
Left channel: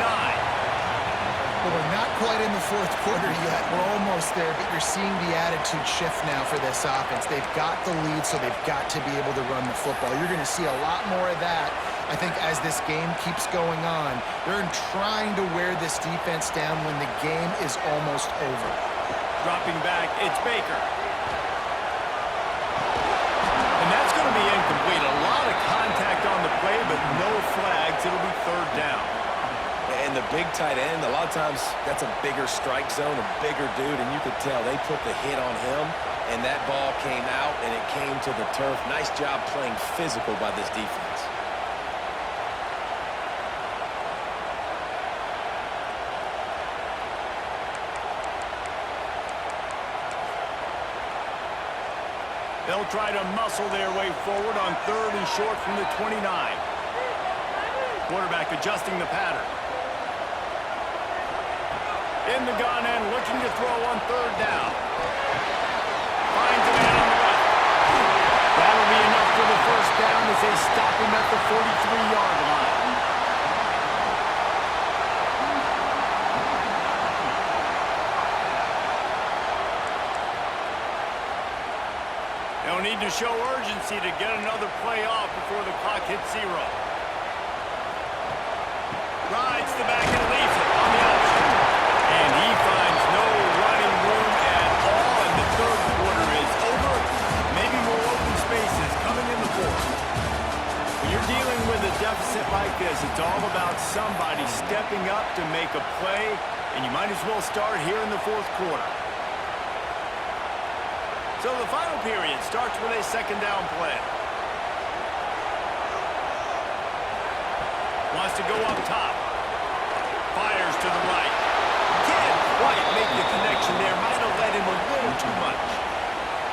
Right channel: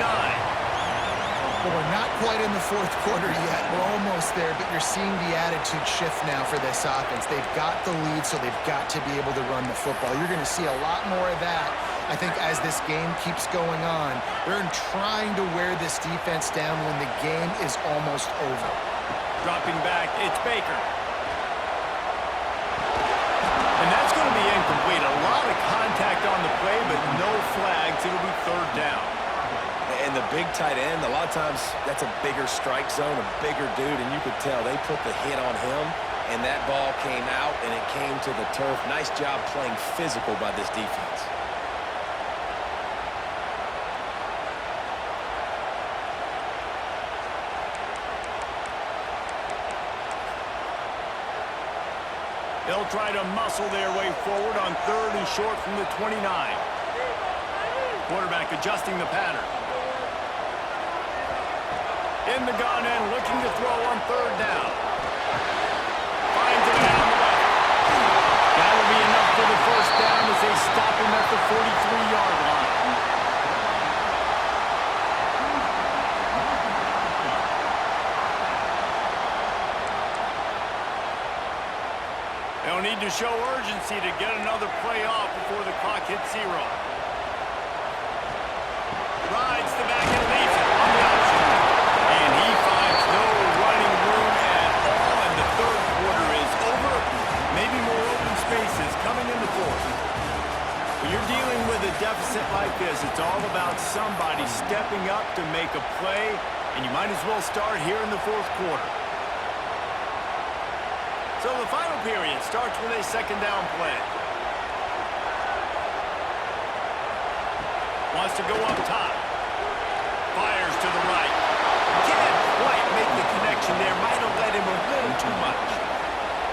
Well, we're not quite in the fourth quarter yet. We're almost there, but you're seeing the attitude shift now for this offense. They've got the lead, so they've got to be able to run the football. You're going to see a lot more of that, I think, as this game keeps going on. They're trying to wear this defense down when the game is almost over. Dropping back, it's Baker. And that's going to be incomplete. A lot of contact on the play, but no flags. It'll be third down. And the big tight end, a lot of times that's a bigger strike zone, a bigger dude, and you could tell they put the hit on him, and that ball came out, and it came to the turf. Nice job playing physical by this defense. They'll try to muscle their way forward on 3rd and short from the 29. Quarterback adjusting the pattern. In the gun and looking to throw on 3rd down. Finds a man on the left. That'll be enough for the first down as they stop him at the 43-yard line. They'll need to show urgency to get another play off before the clock hits 0. Rides the back and leaves it on the option. And he finds no running room at all, and the 3rd quarter is over. Maybe more open spaces coming in the 4th. When you're dealing with a deficit like this, it's all about somebody stepping up to make a play, and you might as well start here in the 4th quarter. So the final period starts with a 2nd down play. Wants to go up top. Fires to the right. Can't quite make the connection there. Might have led him a little too much.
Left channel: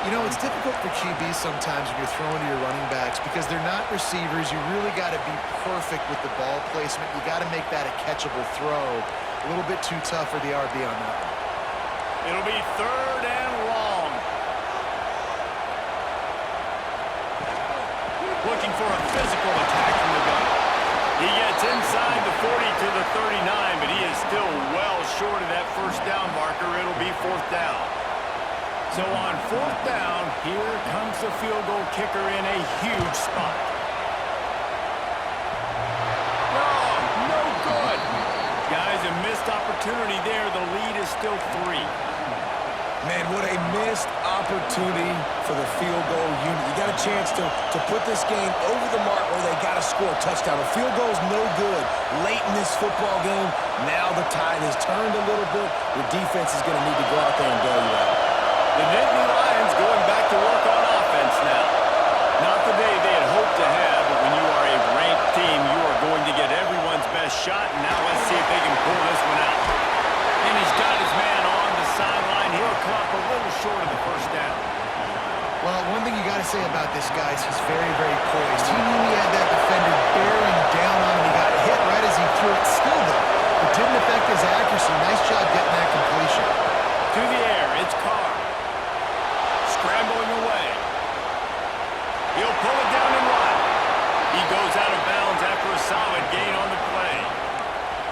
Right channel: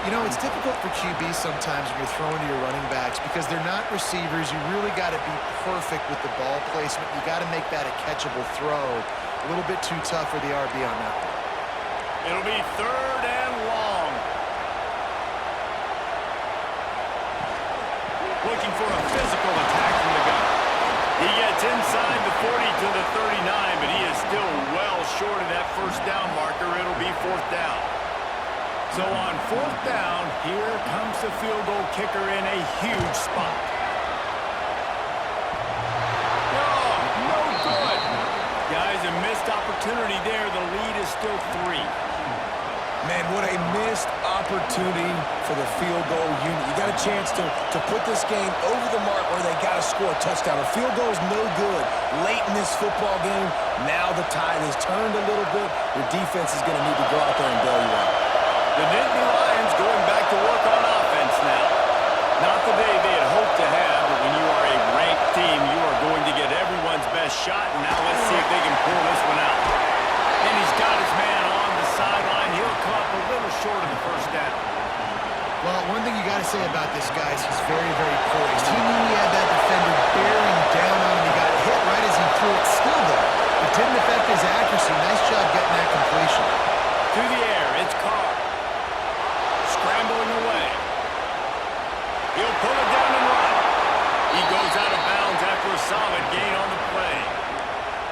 You know, it's difficult for QBs sometimes when you're throwing to your running backs because they're not receivers. You really got to be perfect with the ball placement. You got to make that a catchable throw. A little bit too tough for the RB on that one. It'll be 3rd and long. Looking for a physical attack from the gun. He gets inside the 40 to the 39, but he is still well short of that first down marker. It'll be 4th down. So on 4th down, here comes the field goal kicker in a huge spot. No good. Guys, a missed opportunity there. The lead is still 3. Man, what a missed opportunity for the field goal unit. You got a chance to put this game over the mark where they got to score a touchdown. A field goal is no good late in this football game. Now the tide has turned a little bit. Your defense is going to need to go out there and bail you out. The Nittany Lions going back to work on offense now. Not the day they had hoped to have, but when you are a ranked team, you are going to get everyone's best shot. And now let's see if they can pull this one out. And he's got his man on the sideline. He'll come up a little short of the first down. Well, one thing you got to say about this guy is he's very, very poised. He knew he had that defender bearing down on him. He got hit right as he threw it. Still, though, it didn't affect his accuracy. Nice job getting that completion. It's Carr. Scrambling away. He'll pull it down and run. He goes out of bounds after a solid gain on the play.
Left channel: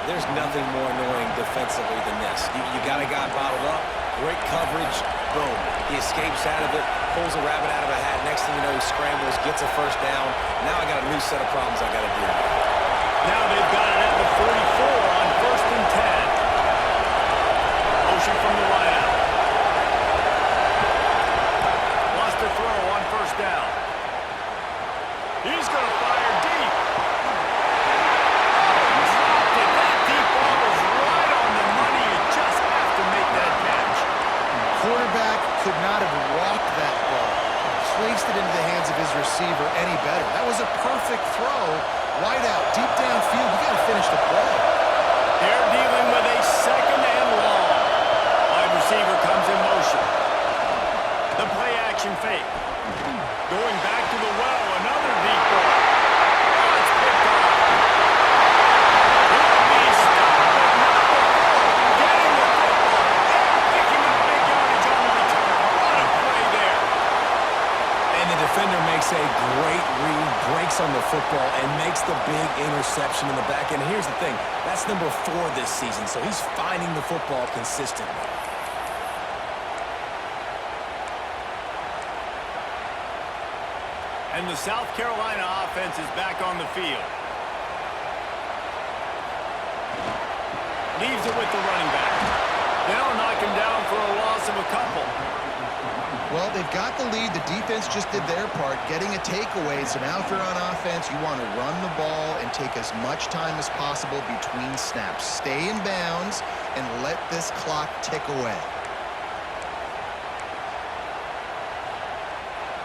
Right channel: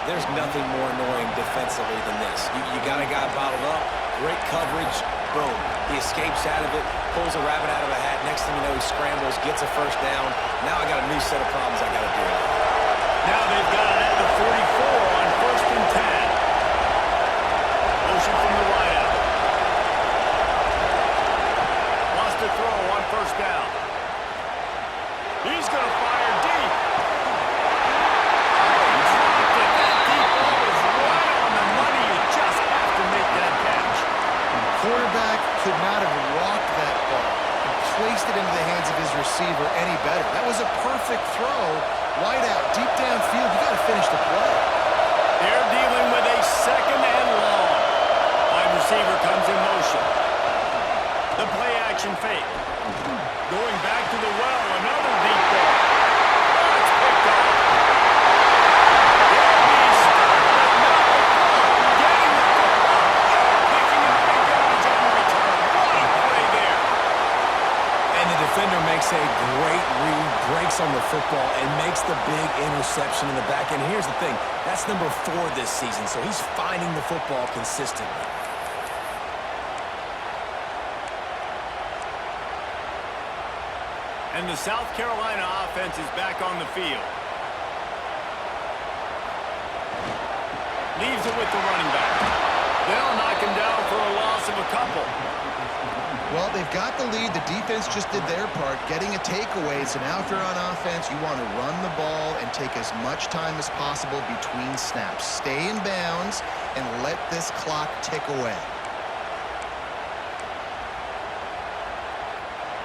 There's nothing more annoying defensively than this. You got a guy bottled up, great coverage, boom. He escapes out of it, pulls a rabbit out of a hat. Next thing you know, he scrambles, gets a first down. Now I got a new set of problems I got to deal with. Now they've got it at the 44 on 1st and 10. Motion from the wideout. Wants to throw on 1st down. He's going to fire deep. Oh, he dropped it. That deep ball was right on the money. You just have to make that catch. Quarterback could not have walked that ball and placed it into the hands of his receiver any better. That was a perfect throw. Wide out, deep downfield. You got to finish the play. They're dealing with a 2nd and long. Wide receiver comes in motion. The play action fake. Going back to the well, another deep ball. Oh, it's picked off. He'll be stopped, but not before getting the football and picking up big yardage on the return. What a play there. And the defender makes a great read, breaks on the football, and makes the big interception in the back end. Here's the thing. That's number 4 this season, so he's finding the football consistently. And the South Carolina offense is back on the field. Leaves it with the running back. They'll knock him down for a loss of a couple. Well, they've got the lead. The defense just did their part, getting a takeaway. So now if you're on offense, you want to run the ball and take as much time as possible between snaps. Stay in bounds and let this clock tick away.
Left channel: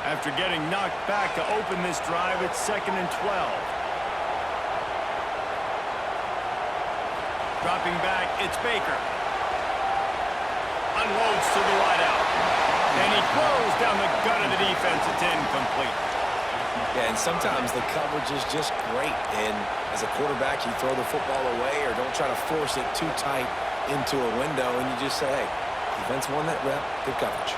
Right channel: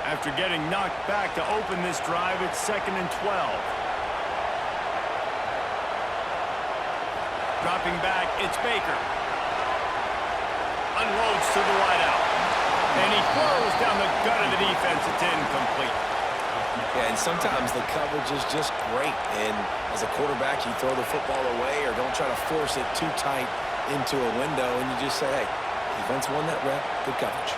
After getting knocked back to open this drive, it's 2nd and 12. Dropping back, it's Baker. Unloads to the wideout. And he throws down the gut of the defense. It's incomplete. Yeah, and sometimes the coverage is just great. And as a quarterback, you throw the football away or don't try to force it too tight into a window, and you just say, hey, defense won that rep, good coverage.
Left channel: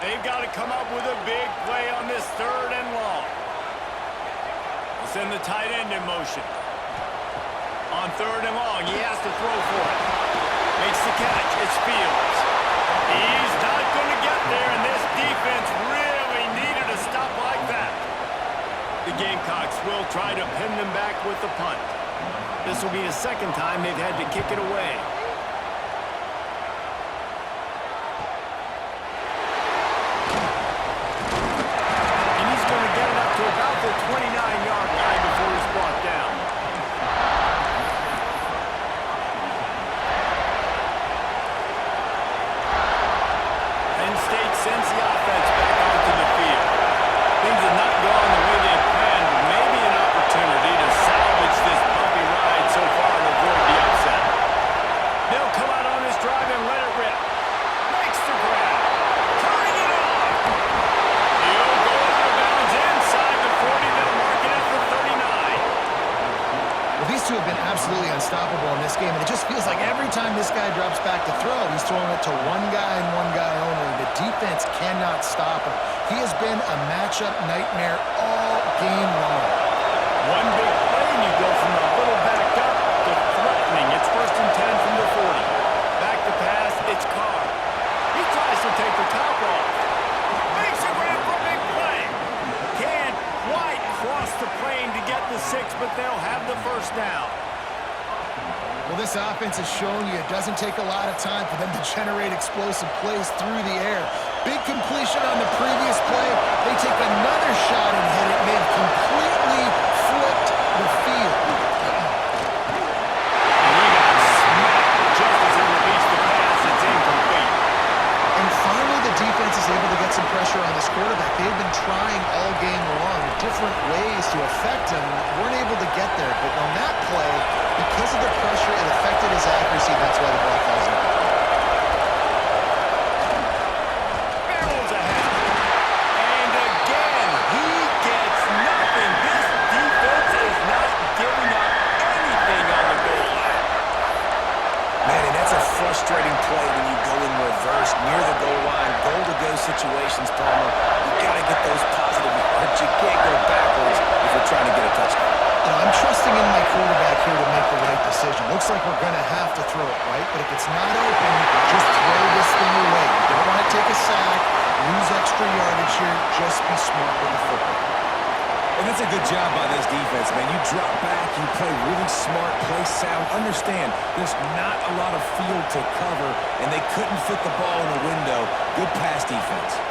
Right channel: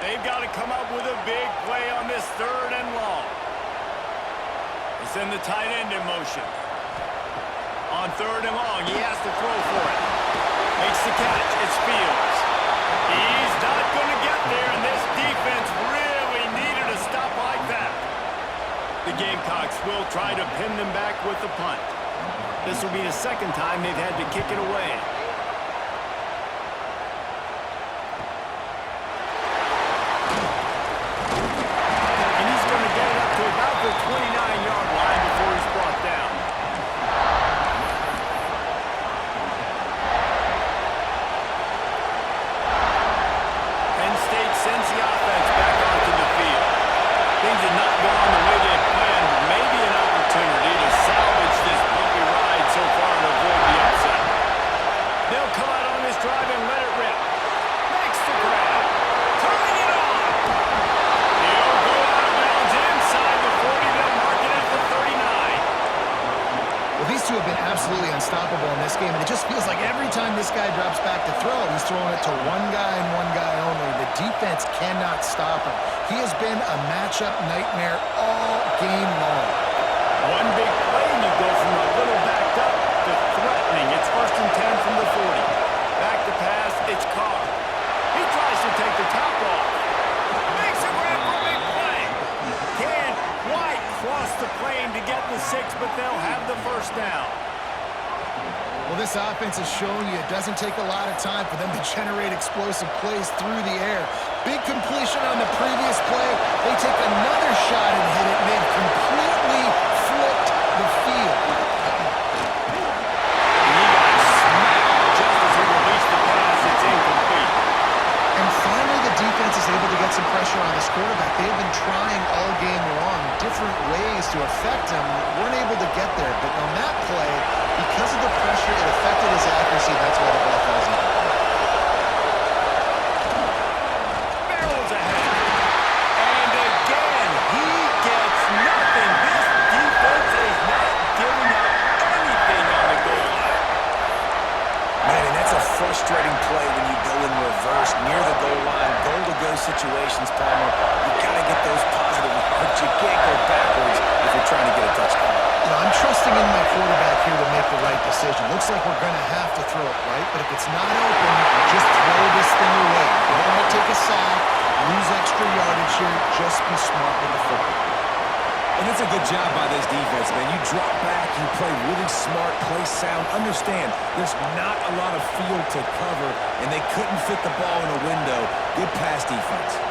They've got to come up with a big play on this 3rd and long. They'll send the tight end in motion. On 3rd and long, he has to throw for it. Makes the catch. It's Fields. He's not going to get there, and this defense really needed a stop like that. The Gamecocks will try to pin them back with the punt. This will be the 2nd time they've had to kick it away. Get it up to about the 29-yard line before he's brought down. Penn State sends the offense back onto the field. Things have not gone the way they had planned, but maybe an opportunity to salvage this bumpy ride so far and avoid the upset. They'll come out on this drive and let it rip. Makes the grab. Turning it on. He'll go out of bounds inside the 40. They'll mark it at the 39. Well, these two have been absolutely unstoppable in this game, and it just feels like every time this guy drops back to throw, he's throwing it to one guy and one guy only. The defense cannot stop him. He has been a matchup nightmare all game long. One big play, and you go from a little backed up to threatening. It's 1st and 10 from the 40. Back to pass, it's Carr. He tries to take the top off. Makes a grab for a big play. Can't quite cross the plane to get the 6, but they'll have the 1st down. Well, this offense has shown you it doesn't take a lot of time for them to generate explosive plays through the air. Big completion on the previous play. They take another shot and hit it, and they've completely flipped the field. And he got smacked just as he released the pass. It's incomplete. And finally, the defense is able to get some pressure on this quarterback. They've been trying all game long different ways to affect him. Weren't able to get there. But on that play, because of the pressure, it affected his accuracy. That's why the ball falls incomplete. frustrating play when you go in reverse near the goal line, goal-to-go situations, Palmer. You got to get those positive yards. You can't go backwards if you're trying to get a touchdown. You know, I'm trusting in my quarterback here to make the right decision. Looks like we're going to have to throw it, right? But if it's not open, just throw this thing away. You don't want to take a sack, lose extra yardage here. Just be smart with the football. And it's a good job by this defense, man. You drop back, you play really smart, play sound. Understand, there's not a lot of field to cover, and they couldn't fit the ball in a window. Good pass defense.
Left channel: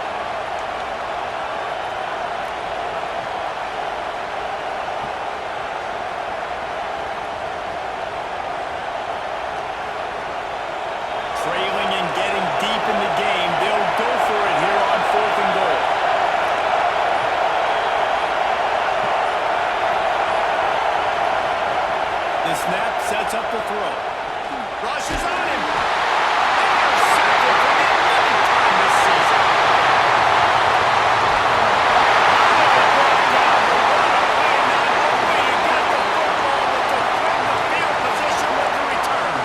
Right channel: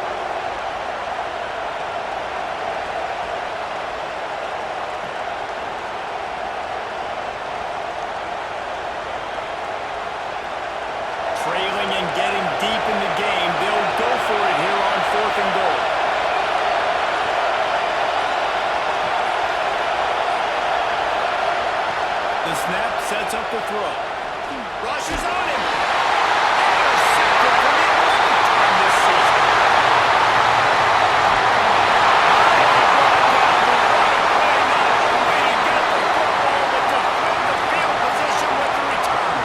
Trailing and getting deep in the game, they'll go for it here on 4th and goal. The snap sets up the throw. Rushes on him. Intercepted for the 11th time this season. Finally brought down, but what a play, not only to get the football, but to flip the field position with the return.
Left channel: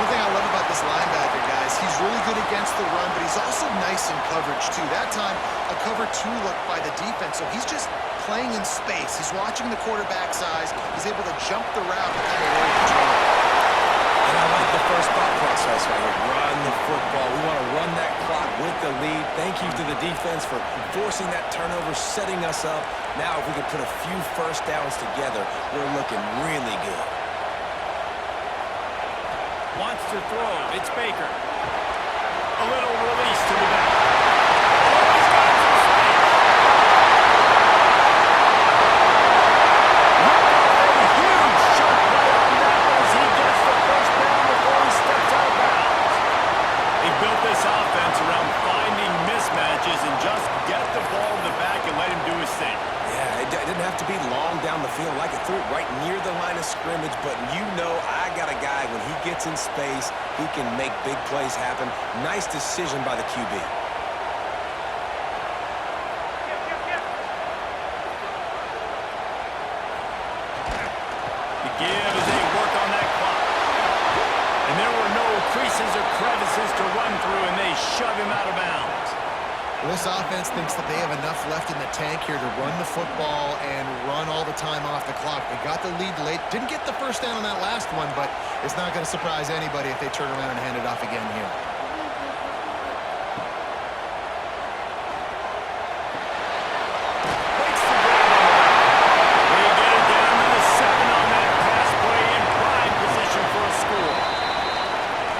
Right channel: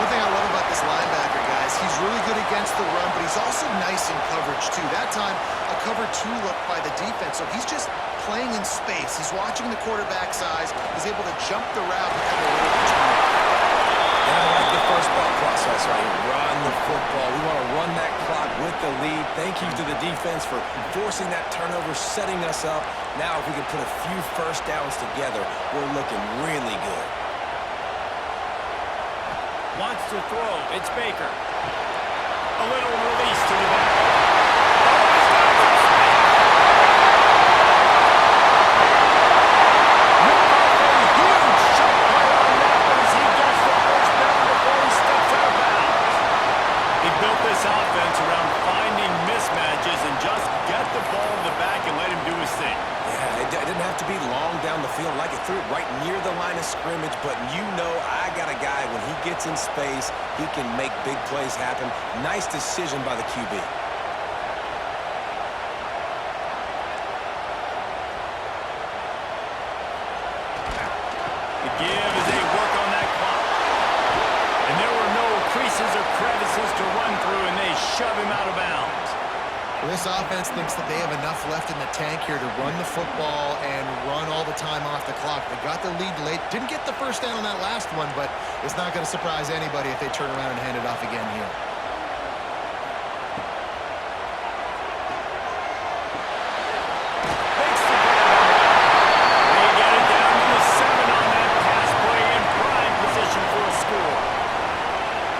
One thing I love about this linebacker, guys, he's really good against the run, but he's also nice in coverage, too. That time, a cover 2 look by the defense, so he's just playing in space. He's watching the quarterback's eyes. He's able to jump the route and come away with the turnover. And I like the first thought process right here. Run the football. We want to run that clock with the lead. Thank you to the defense for forcing that turnover, setting us up. Now, if we can put a few first downs together, we're looking really good. Wants to throw. It's Baker. A little release to the back. Oh, he's got some space. Ripped off a huge chunk play on that one as he gets the first down before he steps out of bounds. He built this offense around finding mismatches and just get the ball to the back and let him do his thing. Yeah, it didn't have to be long down the field. Like it threw it right near the line of scrimmage, but you know I got a guy, when he gets in space, he can make big plays happen. Nice decision by the QB. The give as they work on that clock. And there were no creases or crevices to run through, and they shove him out of bounds. Well, this offense thinks that they have enough left in the tank here to run the football and run all the time off the clock. They got the lead late. Didn't get the first down on that last one, but it's not going to surprise anybody if they turn around and hand it off again here. Makes the grab on the left. They get it down to the 7 on that pass play in prime position for a score.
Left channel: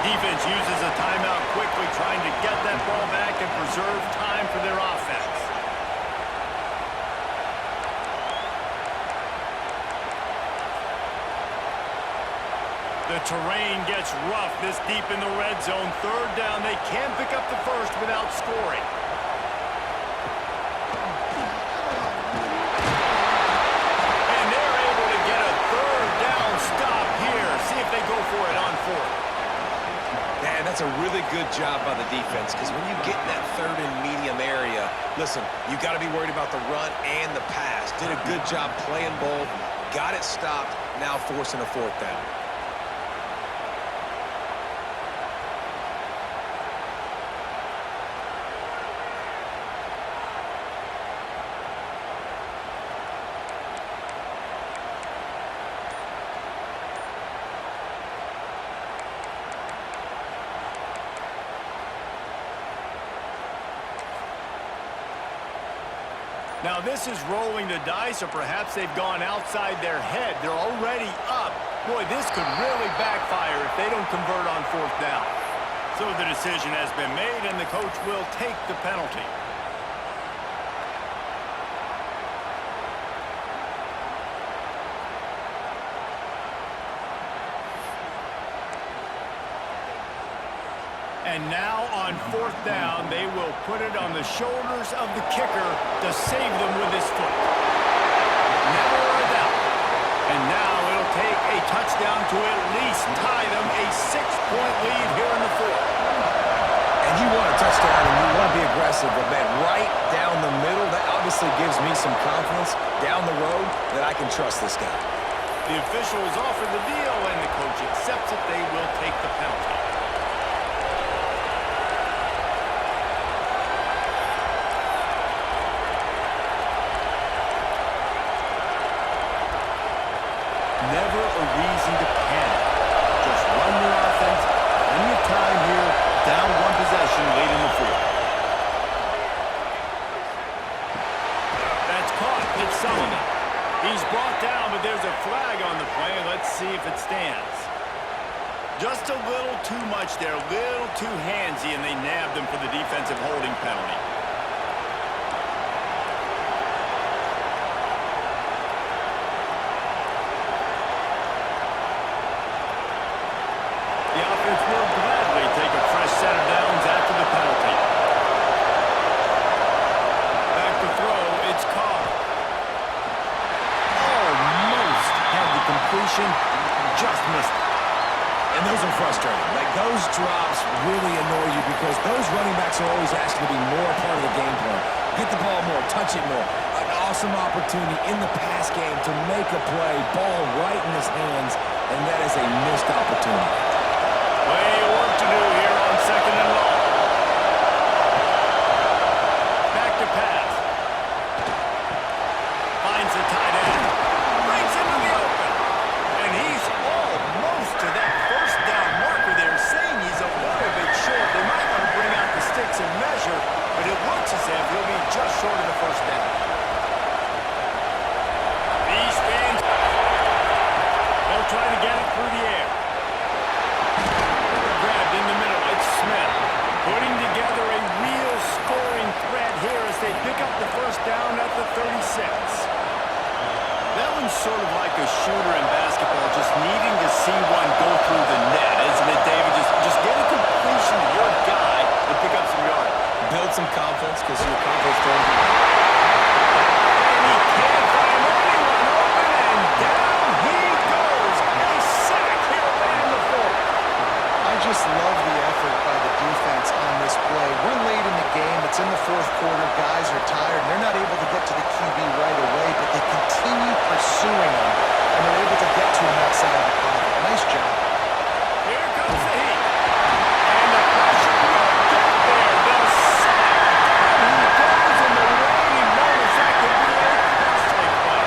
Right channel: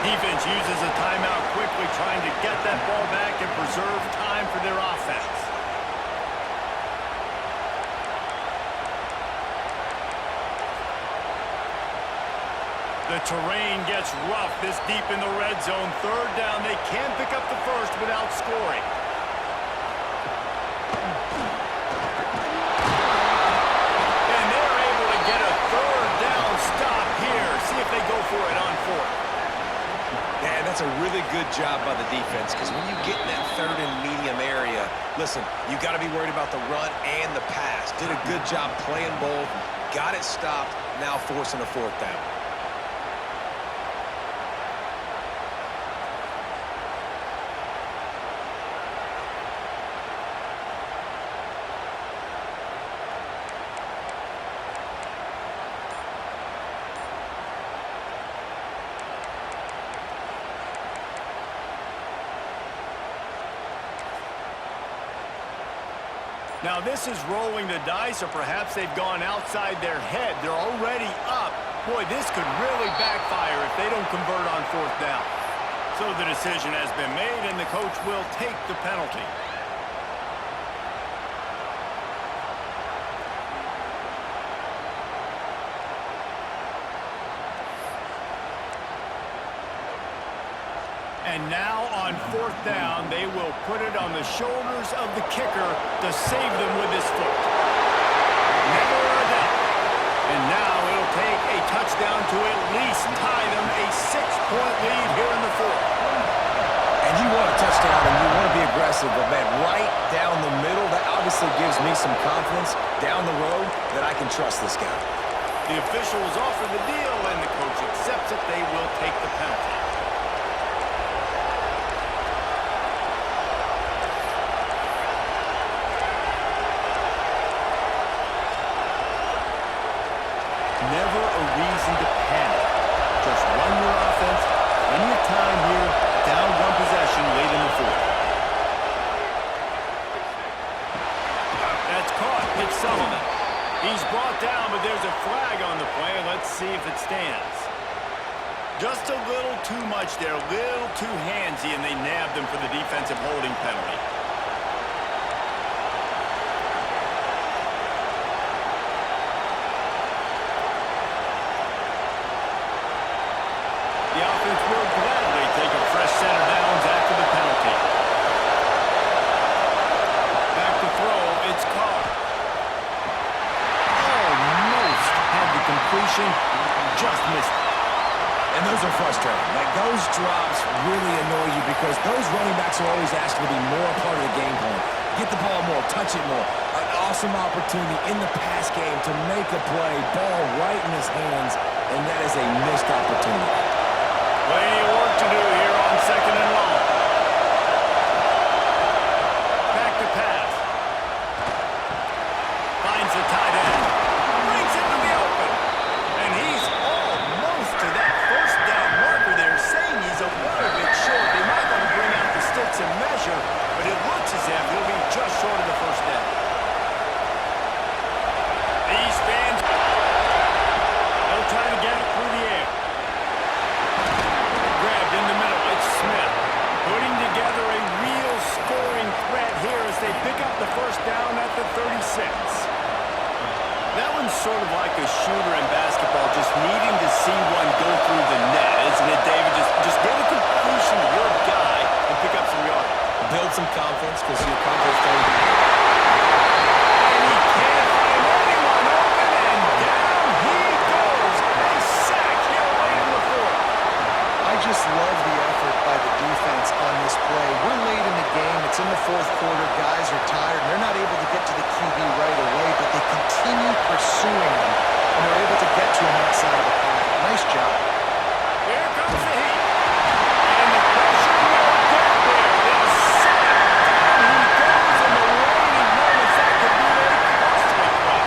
Defense uses a timeout quickly, trying to get that ball back and preserve time for their offense. The terrain gets rough this deep in the red zone. 3rd down, they can pick up the first without scoring. And they're able to get a 3rd down stop here. See if they go for it on 4th. Man, that's a really good job by the defense, because when you get in that 3rd and medium area, listen, you got to be worried about the run and the pass. Did a good job playing both, got it stopped, now forcing a 4th down. Now this is rolling the dice, or perhaps they've gone outside their head. They're already up. Boy, this could really backfire if they don't convert on 4th down. So the decision has been made, and the coach will take the penalty. And now on 4th down, they will put it on the shoulders of the kicker to save them with his foot. Never a doubt. And now it'll take a touchdown to at least tie them a 6-point lead here in the 4th. And you want a touchdown and you want to be aggressive, but man, right down the middle, that obviously gives me some confidence down the road that I can trust this guy. The officials offer the deal, and the coach accepts it. They will take the penalty. Never a reason to panic. Just run your offense. Plenty of time here. Down one possession late in the fourth. That's caught. It's Sullivan. He's brought down, but there's a flag on the play. Let's see if it stands. Just a little too much there. A little too handsy, and they nabbed him for the defensive holding penalty. The offense will gladly take a fresh set of downs after the penalty. Back to throw, it's Carr. Almost had the completion, just missed it. And those are frustrating. Like, those drops really annoy you because those running backs are always asking to be more a part of the game plan. Get the ball more, touch it more. An awesome opportunity in the pass game to make a play, ball right in his hands, and that is a missed opportunity. Plenty of work to do here on second and long. Back to pass. Finds the tight end. Brings into the open. And he's almost to that first down marker there, saying he's a little bit short. They might want to bring out the sticks and measure, but it looks as if he'll be just short of the first down. These fans, they'll try to get it through the air. Grabbed in the middle, it's Smith. Putting together a real scoring threat here as they pick up the first down at the 36. That one's sort of like a shooter in basketball, just needing to see one go through the net, isn't it, David? Just get a completion to your guy and pick up some yards. Build some confidence because your confidence don't be. And he can't find anyone open, and down he goes. A sack here late in the fourth. I just love the effort by the defense on this play. We're late in the game. It's in the fourth quarter. Guys are tired, and they're not able to get to the QB right away, but they continue pursuing him, and they're able to get to him outside of the pocket. Nice job. Here comes the heat. And the pressure will get there. The sack. Down he goes in the waning moments. That could be a costly play.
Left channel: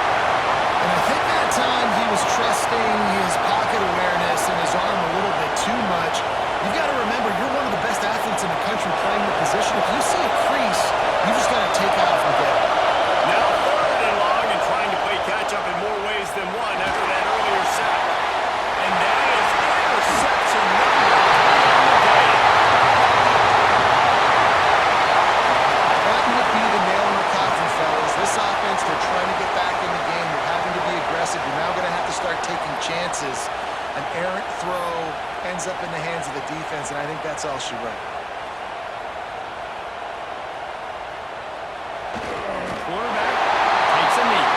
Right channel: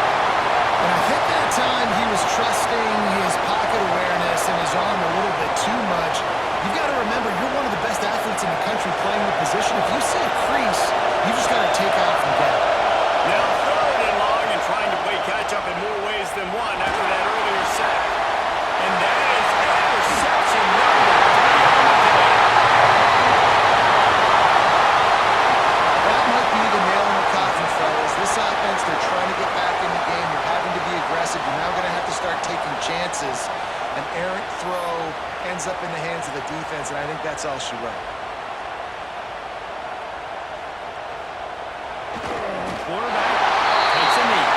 And I think that time he was trusting his pocket awareness and his arm a little bit too much. You've got to remember, you're one of the best athletes in the country playing the position. If you see a crease, you just got to take off and get it. Now third and long and trying to play catch-up in more ways than one after that earlier sack. And that is interception number 3 on the day. That might be the nail in the coffin, fellas. This offense, they're trying to get back in the game. You're having to be aggressive. You're now going to have to start taking chances. An errant throw ends up in the hands of the defense, and I think that's all she wrote. Quarterback takes a knee.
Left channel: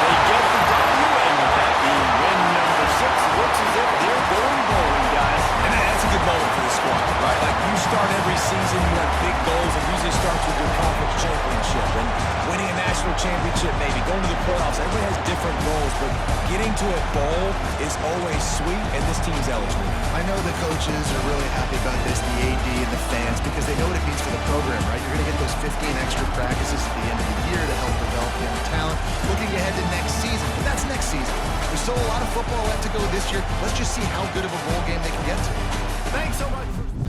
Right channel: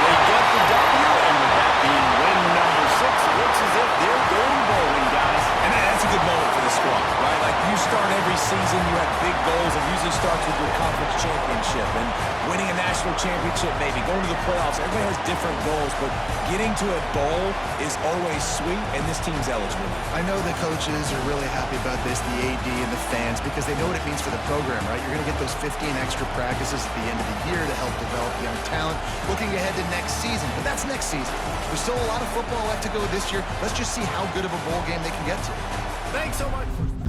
They get the W, and with that being win number 6, it looks as if they're going bowling, guys. And that's a good moment for the squad, right? Like, you start every season, you have big goals. It usually starts with your conference championship and winning a national championship, maybe going to the playoffs. Everybody has different goals, but getting to a bowl is always sweet, and this team's eligible. I know the coaches are really happy about this, the AD and the fans, because they know what it means for the program, right? You're going to get those 15 extra practices at the end of the year to help develop young talent. Looking ahead to next season, but that's next season. There's still a lot of football left to go this year. Let's just see how good of a bowl game they can get to. Thanks so much for...